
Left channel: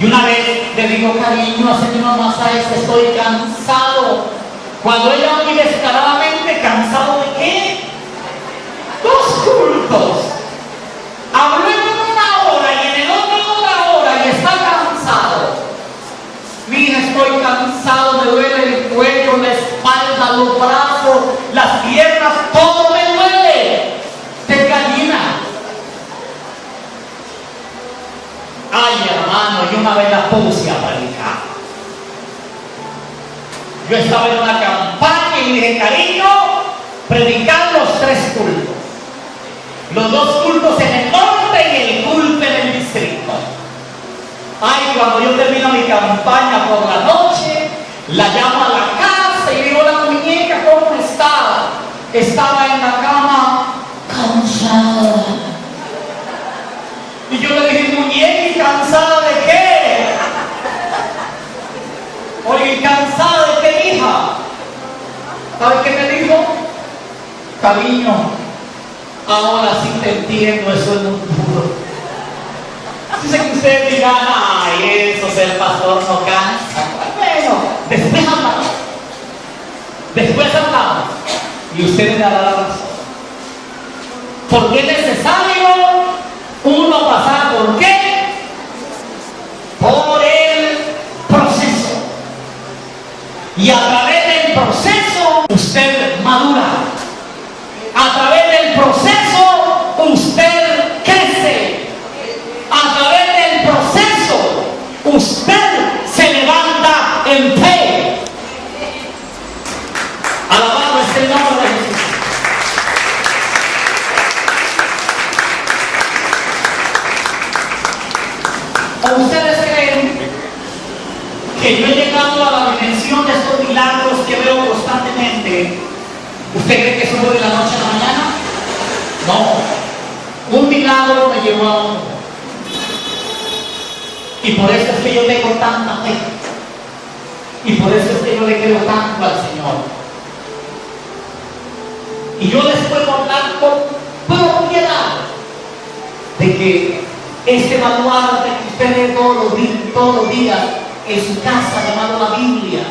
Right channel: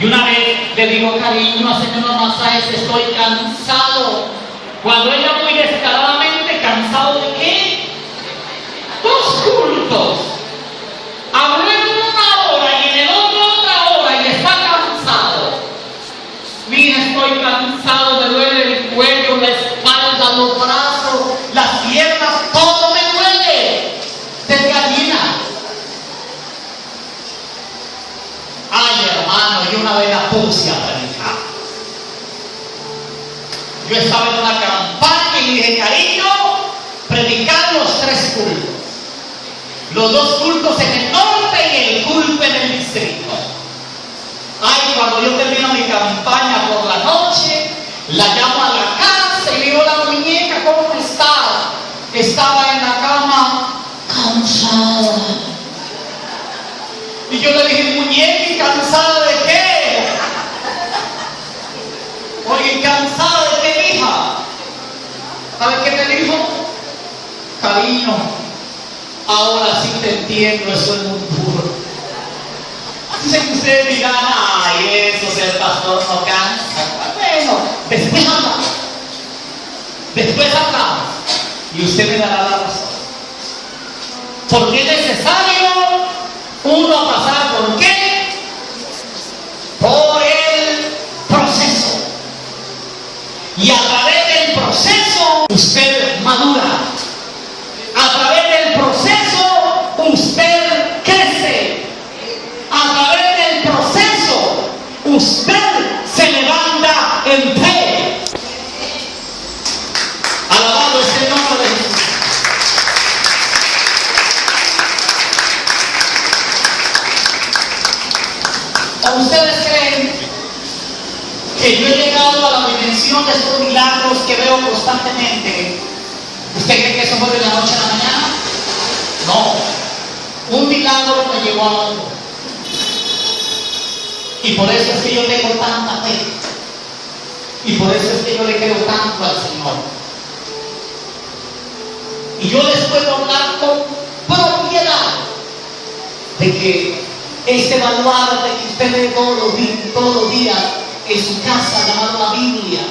Y una vez le digo, cariño, haciendo unos masajes, estoy cansado. Cuando ella muy descaradamente, ¿cansado de qué? 2 cultos. Hablé en 1 hora y en el otro otra hora y está cansado. Mira, estoy cansado, me duele el cuello, la espalda, los brazos, las piernas, todo me duele. De gallina. Ay, hermano, y una vez la puse a predicar. Yo estaba en una campaña y dije, cariño, predicar los 3 cultos. Los 2 cultos en el norte y el culto en el distrito. Ay, cuando yo termino mi campaña por la noche, la llamo a la casa y digo, la muñeca, ¿cómo está? Estaba en la cama, cansada. Y yo le dije, muñeca, ¿y cansada de qué? Oye, ¿cansada de qué, hija? ¿Sabes qué me dijo? Cariño, ahora sí te entiendo, eso es muy puro. Yo sé que ustedes dirán, ay, eso, ser pastor no cansa. Bueno, después hablamos. Después hablamos. Y usted me dará la razón. Porque es necesario uno pasar por qué? Por el proceso. Y a través del proceso usted madura. A través del proceso usted crece. A través del proceso usted se levanta en fe. Alabado es el nombre de Jesús. ¿O ustedes creen que yo he llegado a la dimensión de estos milagros que veo constantemente? ¿Usted cree que eso fue de la noche a la mañana? No. Un milagro me llevó a otro. Y por eso es que yo tengo tanta fe. Y por eso es que yo le creo tanto al Señor. Y yo les puedo hablar con propiedad de que este baluarte que usted lee todos los días en su casa llamado la Biblia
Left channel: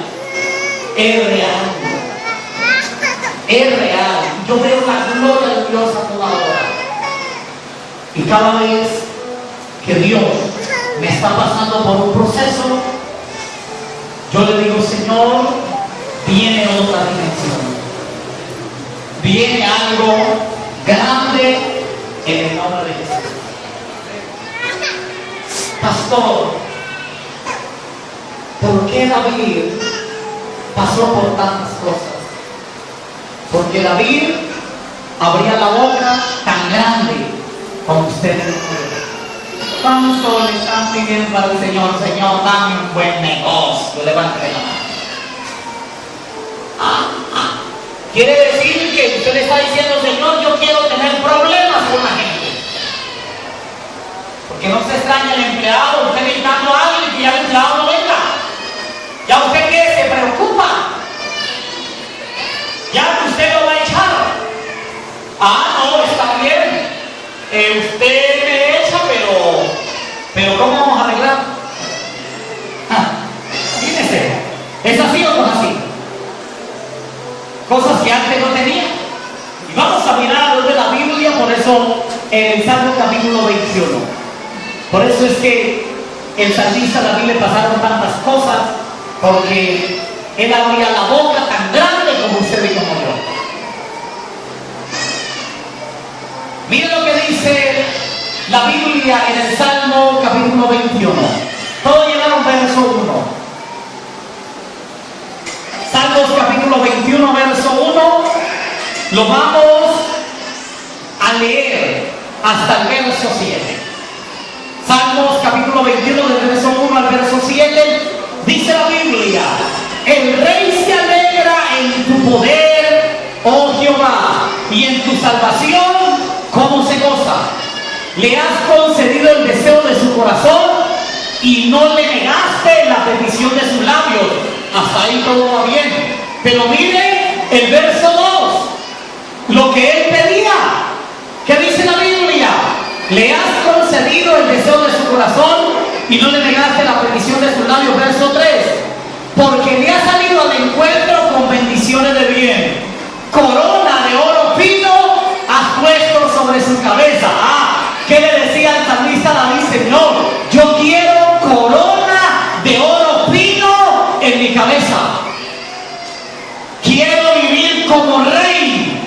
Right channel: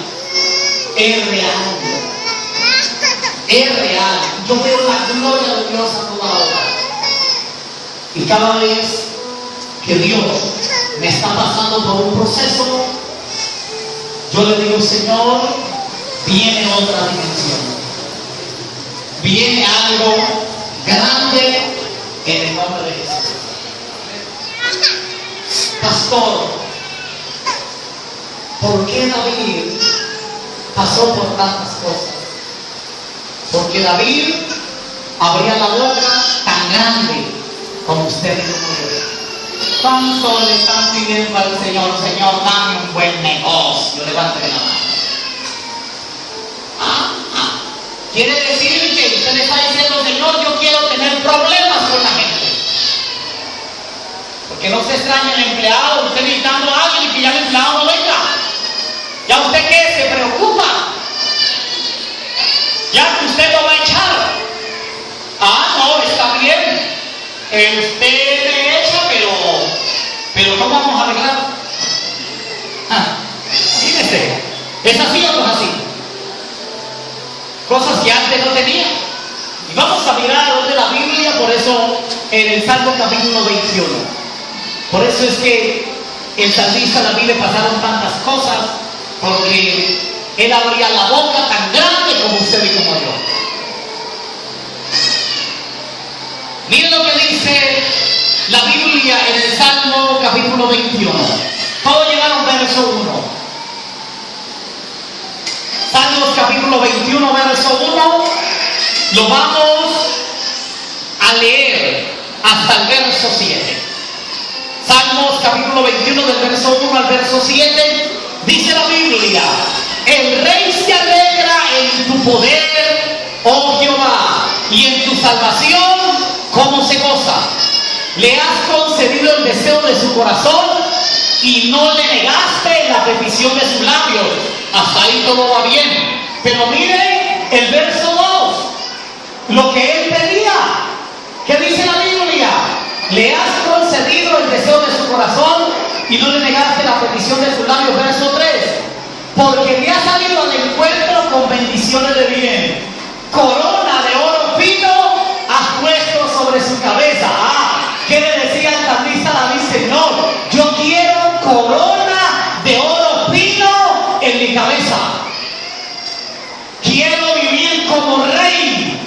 es real. es real. Yo veo la gloria de Dios a toda hora. Y cada vez que Dios me está pasando por un proceso, yo le digo, Señor, viene otra dimensión. Viene algo grande en el nombre de Jesús. Pastor, ¿por qué David pasó por tantas cosas? Porque David abría la boca tan grande como usted dijo. ¿Cuánto le están pidiendo al Señor? Señor, dame un buen negocio. Levante la mano. Quiere decir que usted le está diciendo, Señor, yo quiero tener problemas con la gente. Porque no se extraña el empleado, usted gritando a alguien y que ya el empleado no venga. ¿Ya usted qué? Se preocupa. Ya usted lo va a echar. No, está bien. Usted me echa, pero ¿cómo vamos a arreglar? Fíjese, ¿es así o no es así? Cosas que antes no tenía. Y vamos a mirar a de la Biblia, por eso en el Salmo capítulo 21. Por eso es que el salmista David le pasaron tantas cosas, porque él abría la boca tan grande como usted y como yo. Mire lo que dice la Biblia en el Salmo capítulo 21. Todos llegaron verso 1. Salmos capítulo 21, verso 1. Lo vamos a leer hasta el verso 7. Salmos capítulo 21 del verso 1 al verso 7. Dice la Biblia: el rey se alegra en tu poder, oh Jehová, y en tu salvación, ¿cómo se goza? Le has concedido el deseo de su corazón y no le negaste la petición de sus labios. Hasta ahí todo va bien. Pero mire el verso 2. Lo que él pedía. ¿Qué dice la Biblia? Le has concedido el deseo de su corazón y no le negaste la petición de sus labios. Verso 3. Porque le ha salido al encuentro con bendiciones de bien. Corona de oro fino has puesto sobre su cabeza. ¿Qué le decía el salmista David? Señor, yo quiero corona de oro fino en mi cabeza. Quiero vivir como rey.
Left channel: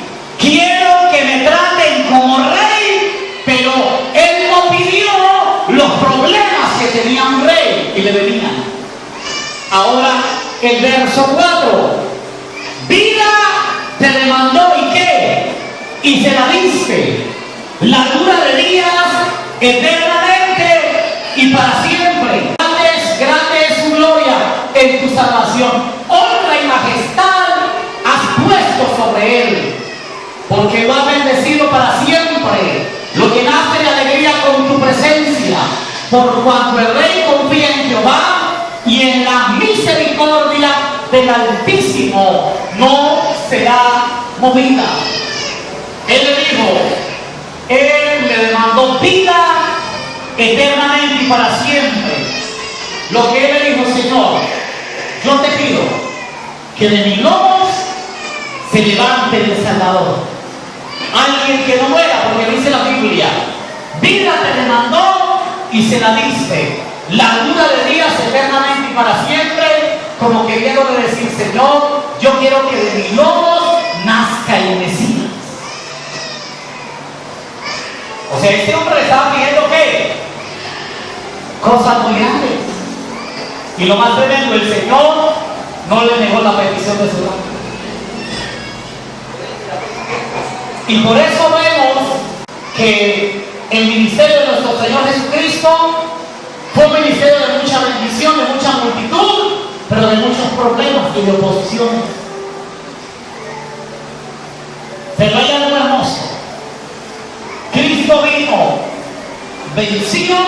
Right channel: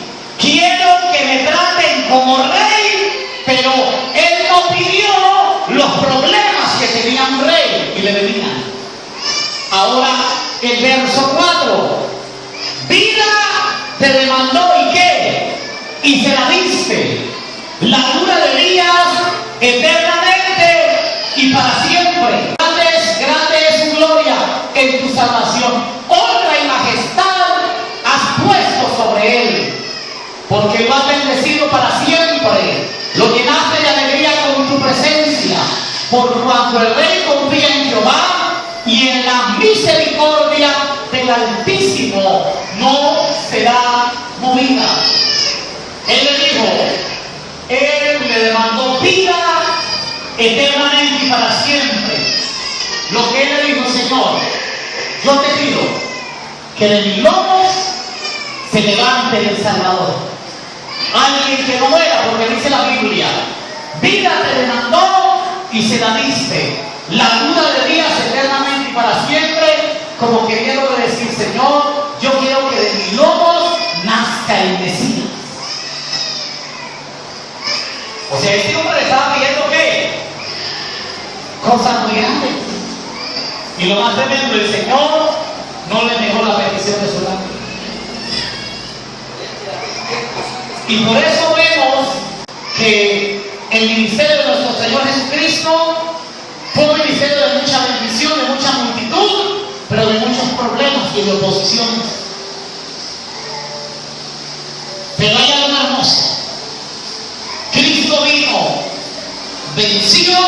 Quiero que me traten como rey. Pero él no pidió los problemas que tenía un rey y le venían. Ahora el verso 4. Vida te demandó y qué, y se la diste. La dura de días eternamente y para siempre. Grande es su gloria en tu salvación. Honra y majestad has puesto sobre él, porque lo has bendecido para siempre. Lo llenaste de alegría con tu presencia, por cuanto el rey confía en Jehová y en la misericordia del Altísimo no será movida. Él le dijo, él le demandó vida eternamente y para siempre. Lo que él le dijo: Señor, yo te pido que de mis lomos se levante el Salvador, alguien que no muera, porque dice la Biblia: vida te demandó y se la diste, largura de días eternamente y para siempre. Como que quiero decir: Señor, yo quiero que de mis lomos nazca el Mesías. O sea, este hombre le estaba pidiendo ¿qué? Cosas muy grandes. Y lo más tremendo, el Señor no le negó la petición de su nombre. Y por eso vemos que el ministerio de nuestro Señor Jesucristo fue un ministerio de mucha bendición, de mucha multitud, pero de muchos problemas y de oposiciones. Pero hay algo hermoso. Cristo vino vencido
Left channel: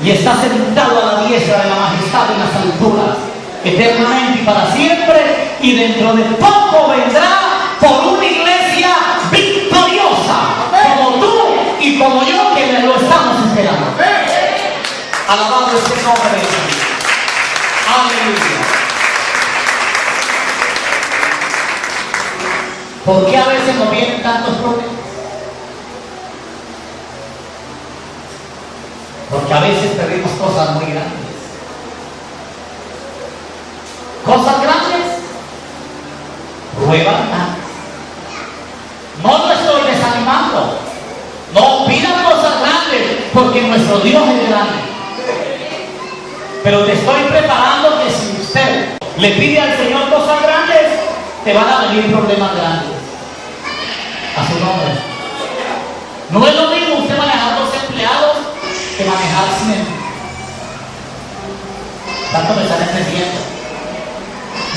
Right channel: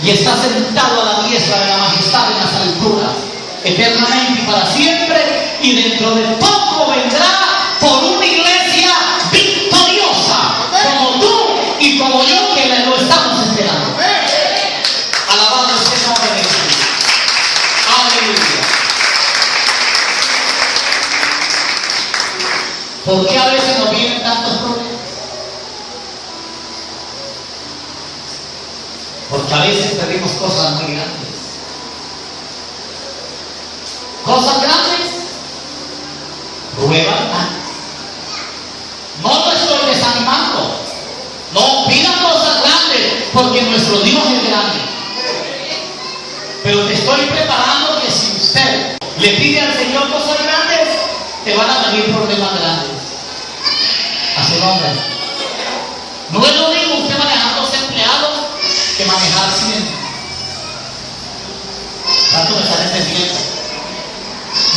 y está sentado a la diestra de la majestad en las alturas, eternamente y para siempre, y dentro de poco vendrá por una iglesia victoriosa, como tú y como yo, que lo estamos esperando. Alabado sea el nombre de Dios. Aleluya. ¿Por qué a veces nos vienen tantos problemas? Porque a veces pedimos cosas muy grandes. Cosas grandes prueban tanto. No lo estoy desanimando. No pidan cosas grandes, porque nuestro Dios es grande. Pero te estoy preparando que si usted le pide al Señor cosas grandes, te van a venir problemas grandes. A su nombre. No es lo mismo usted manejar 2 empleados que manejar 100. ¿Tanto me están entendiendo?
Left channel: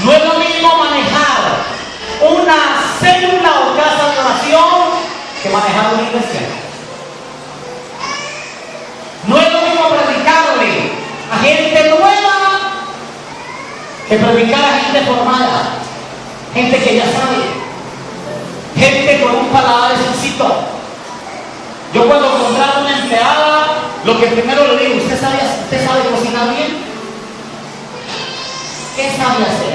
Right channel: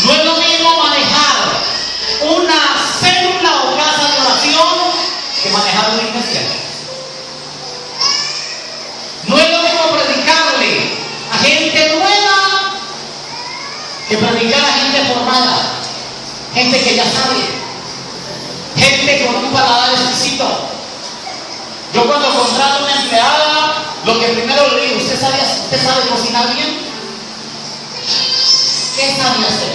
No es lo mismo manejar una célula o casa de oración que manejar una iglesia. No es lo mismo predicarle a gente nueva que predicar a gente formada, gente que ya sabe, gente con un paladar exquisito. Yo cuando contrato a una empleada, lo que primero le digo: ¿usted sabe cocinar bien? ¿Qué sabe hacer?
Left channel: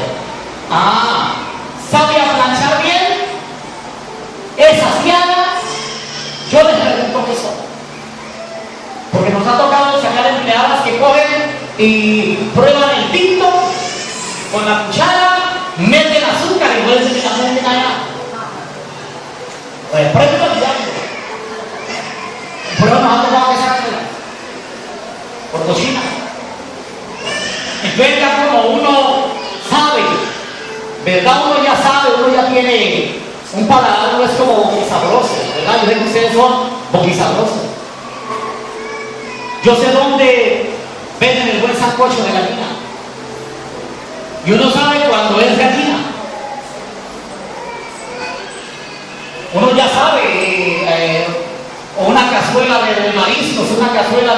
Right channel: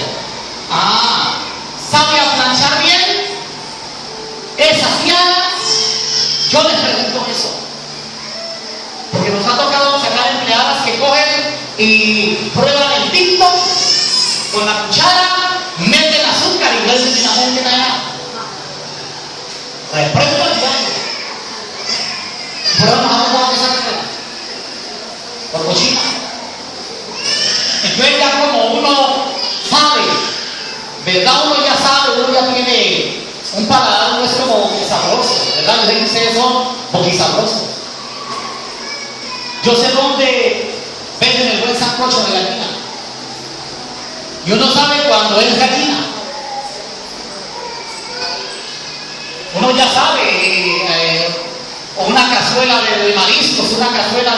¿Sabe planchar bien? ¿Es aseada? Yo les pregunto eso. Porque nos ha tocado sacar empleadas que cogen y prueban el tinto con la cuchara, meten azúcar y vuelven y la meten allá. Reprueban ya. Y prueban nos ha tocado esa por cocina. Entonces ya como uno sabe, ¿verdad? Uno ya sabe, uno ya tiene un paladar, no es como boquisabroso, ¿verdad? Yo sé que ustedes son boquisabrosos. Yo sé dónde venden el buen sancocho de gallina. Y uno sabe cuando es gallina. Uno ya sabe, o una cazuela de mariscos, una cazuela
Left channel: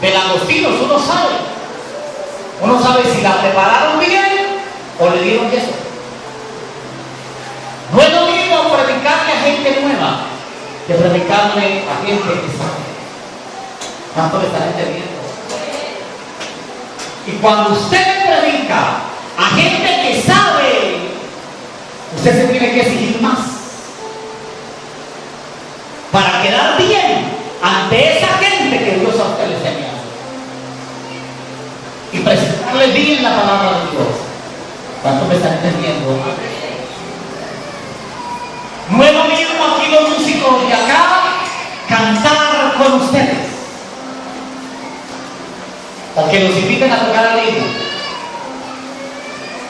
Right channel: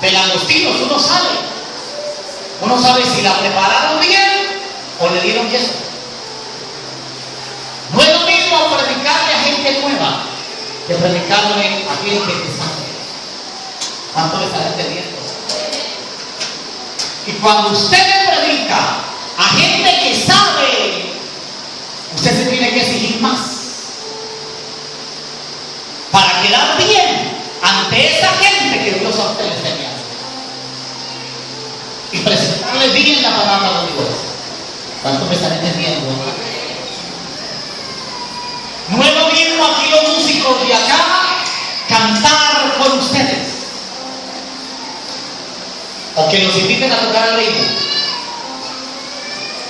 de langostinos, uno sabe. Uno sabe si la prepararon bien o le dieron queso. No es lo mismo predicarle a gente nueva que predicarle a gente que sabe. ¿Cuánto le están entendiendo? Y cuando usted le predica a gente que sabe, usted se tiene que exigir más para quedar bien ante esa gente que Dios a usted le está enviando y presentarle bien la palabra de Dios. ¿Cuánto me están entendiendo? No es lo mismo aquí los músicos de acá cantar con ustedes, o que los inviten a tocar al ritmo.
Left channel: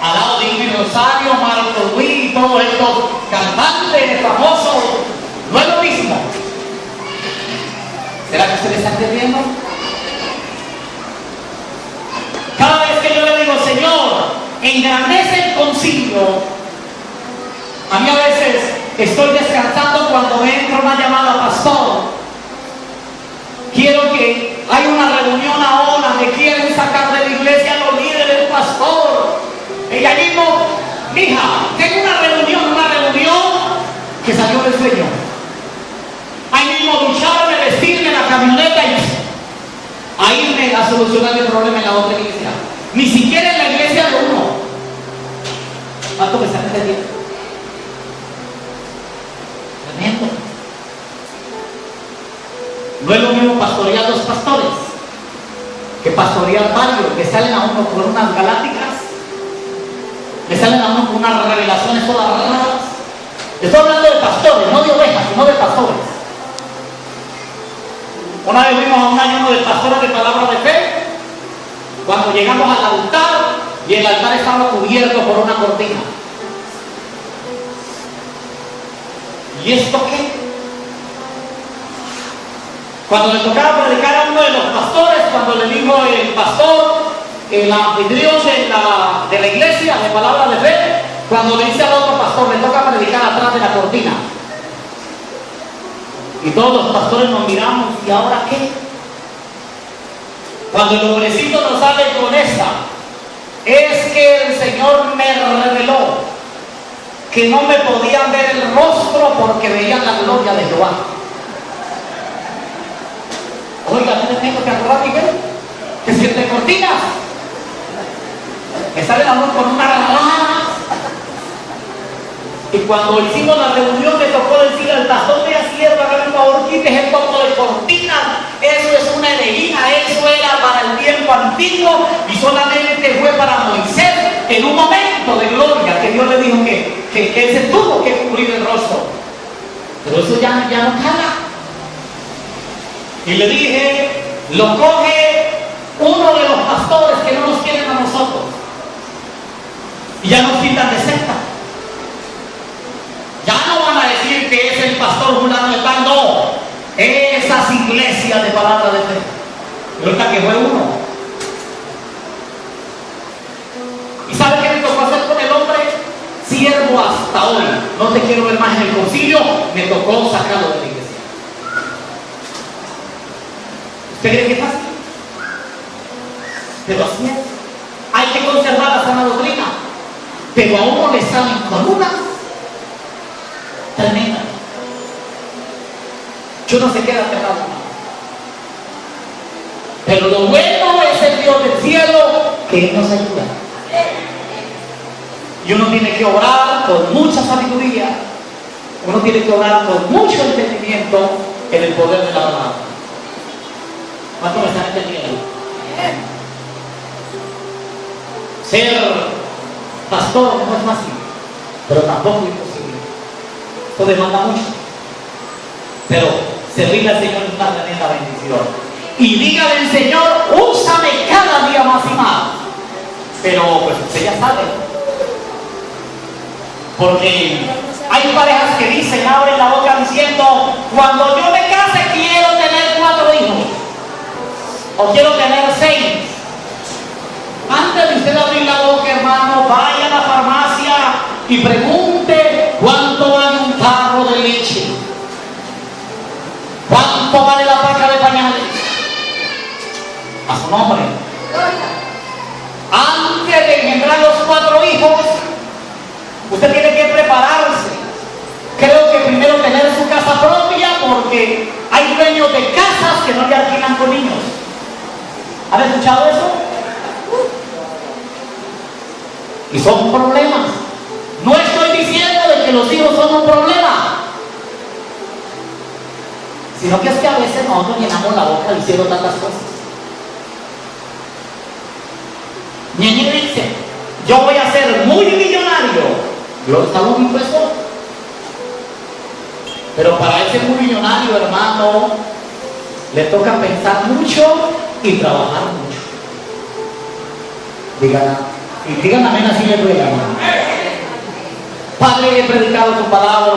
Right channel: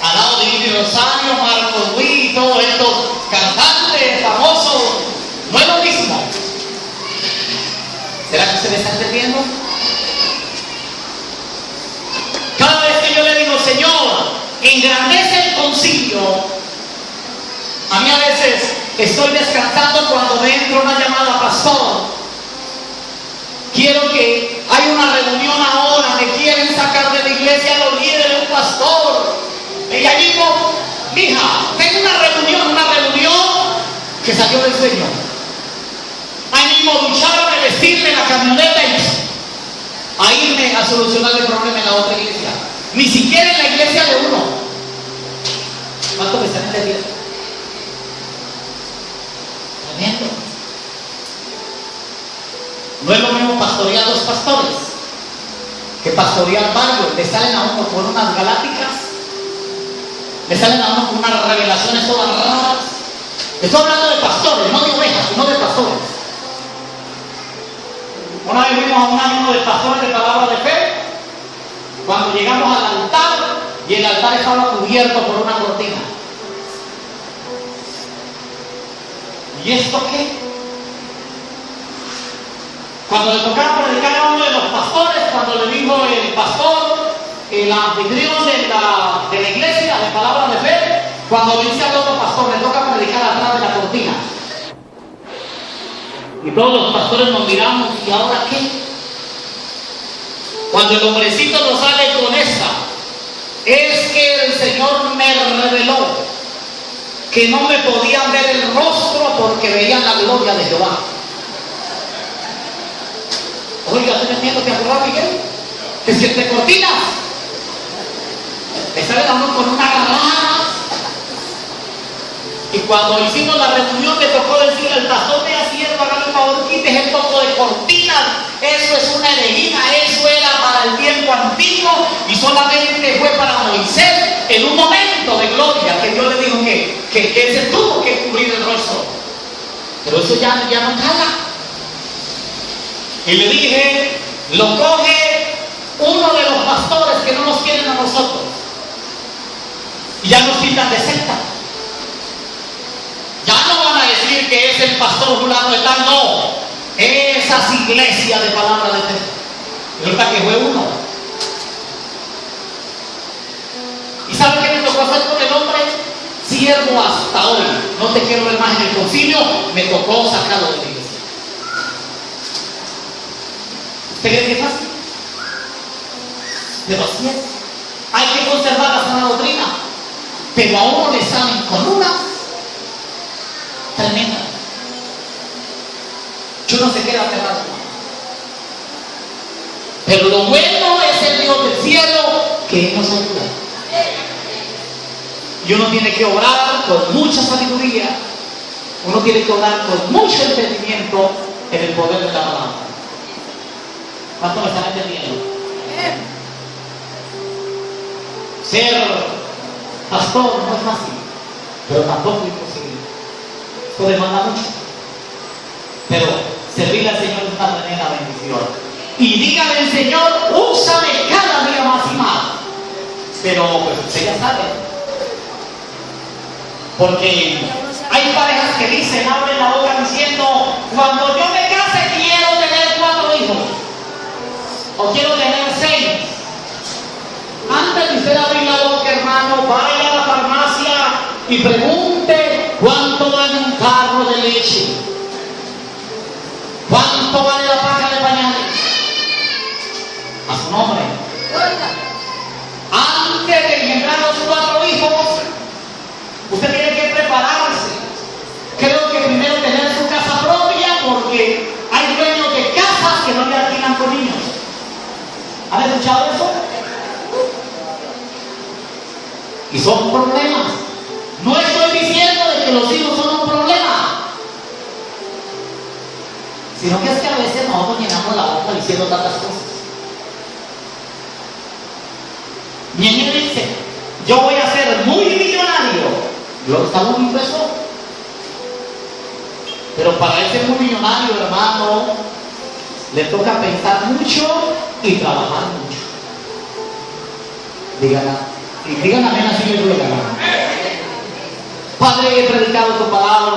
Al lado de Ivy Rosario, Marco Luis y todos estos cantantes famosos, no es lo mismo. ¿Será que usted me está entendiendo? Cada vez que yo le digo: Señor, engrandece el concilio, a mí a veces estoy descansando cuando me entra una llamada: pastor, quiero que hay una reunión ahora, me quieren sacar de la iglesia los líderes, pastor. Y allí digo: hija, tengo una reunión que salió del sueño. Ahí mismo ducharme, vestirme la camioneta y a irme a solucionar el problema en la otra iglesia. Ni siquiera en la iglesia de uno. ¿Cuánto me están entendiendo? Tremendo. No es lo mismo pastorear 2 pastores que pastorear varios. Le salen a uno con unas galácticas, le salen a uno con unas revelaciones todas raras. Estoy hablando de pastores, no de ovejas, sino de pastores. Una vez fuimos a un ayuno de pastores de palabra de fe. Cuando llegamos al altar, y el altar estaba cubierto por una cortina. ¿Y esto qué? Cuando le tocaba predicar a uno de los pastores, cuando le dijo el pastor, el anfitrión de la iglesia de palabra de fe, cuando le dice al otro pastor: le toca predicar atrás de la cortina. Y todos los pastores nos miramos: ¿y ahora qué? Cuando el hombrecito nos sale con esta: es que el Señor me reveló que no me podían ver el rostro porque veían la gloria de Jehová. Oiga, ¿no entiendo que acordar, Miguel? Que si entre cortinas le salen a uno con unas raras, cuando hicimos la reunión me tocó decir al pastor, mira, siervo, hágame el favor, quítese un poco de cortinas, eso es una herejía, eso era para el tiempo antiguo y solamente fue para Moisés en un momento de gloria que Dios le dijo que él se tuvo que cubrir el rostro. Pero eso ya no cala. Y le dije, lo coge uno de los pastores que no nos quieren a nosotros y ya nos quitan de secta. Ya no van a decir que es el pastor fulano de tal, no. Esas iglesias de palabra de fe. Ahorita que fue uno. ¿Y sabe qué me tocó hacer con el hombre? Siervo hasta hoy. No te quiero ver más en el concilio. Me tocó sacarlo de la iglesia. ¿Usted cree que es fácil? Pero así es. Hay que conservar la sana doctrina. Pero a uno le salen con una tremenda. Yo no sé qué era pegado. Pero lo bueno es el Dios del cielo que nos ayuda. Y uno tiene que orar con mucha sabiduría. Uno tiene que orar con mucho entendimiento en el poder de la palabra. ¿Cuánto me están entendiendo? Ser pastor no es fácil, pero tampoco es imposible. Esto demanda mucho. Pero servirle al Señor es una tremenda bendición. Y dígale al Señor, úsame cada día más y más. Pero pues usted ya sabe. Porque hay parejas que dicen, abren la boca diciendo, cuando yo me case quiero tener 4 hijos. O quiero tener 6. Antes de usted abrir la boca, hermano, vaya a la farmacia y pregunte cuánto vale un tarro de leche. ¿Cuánto vale la paca de pañales? A su nombre. Antes de engendrar los 4 hijos, usted tiene que prepararse. Creo que primero tener su casa propia, porque hay dueños de casas que no le alquilan con niños. ¿Han escuchado eso? Y son problemas. No estoy diciendo de que los hijos son un problema, sino que es que a veces nosotros llenamos la boca diciendo tantas cosas. Ñeñe dice, yo voy a ser muy millonario. Lo estamos impresos. Pero para ese muy millonario, hermano, le toca pensar mucho y trabajar mucho. Díganme amén, así le duele, hermano. Padre, hoy he predicado tu palabra.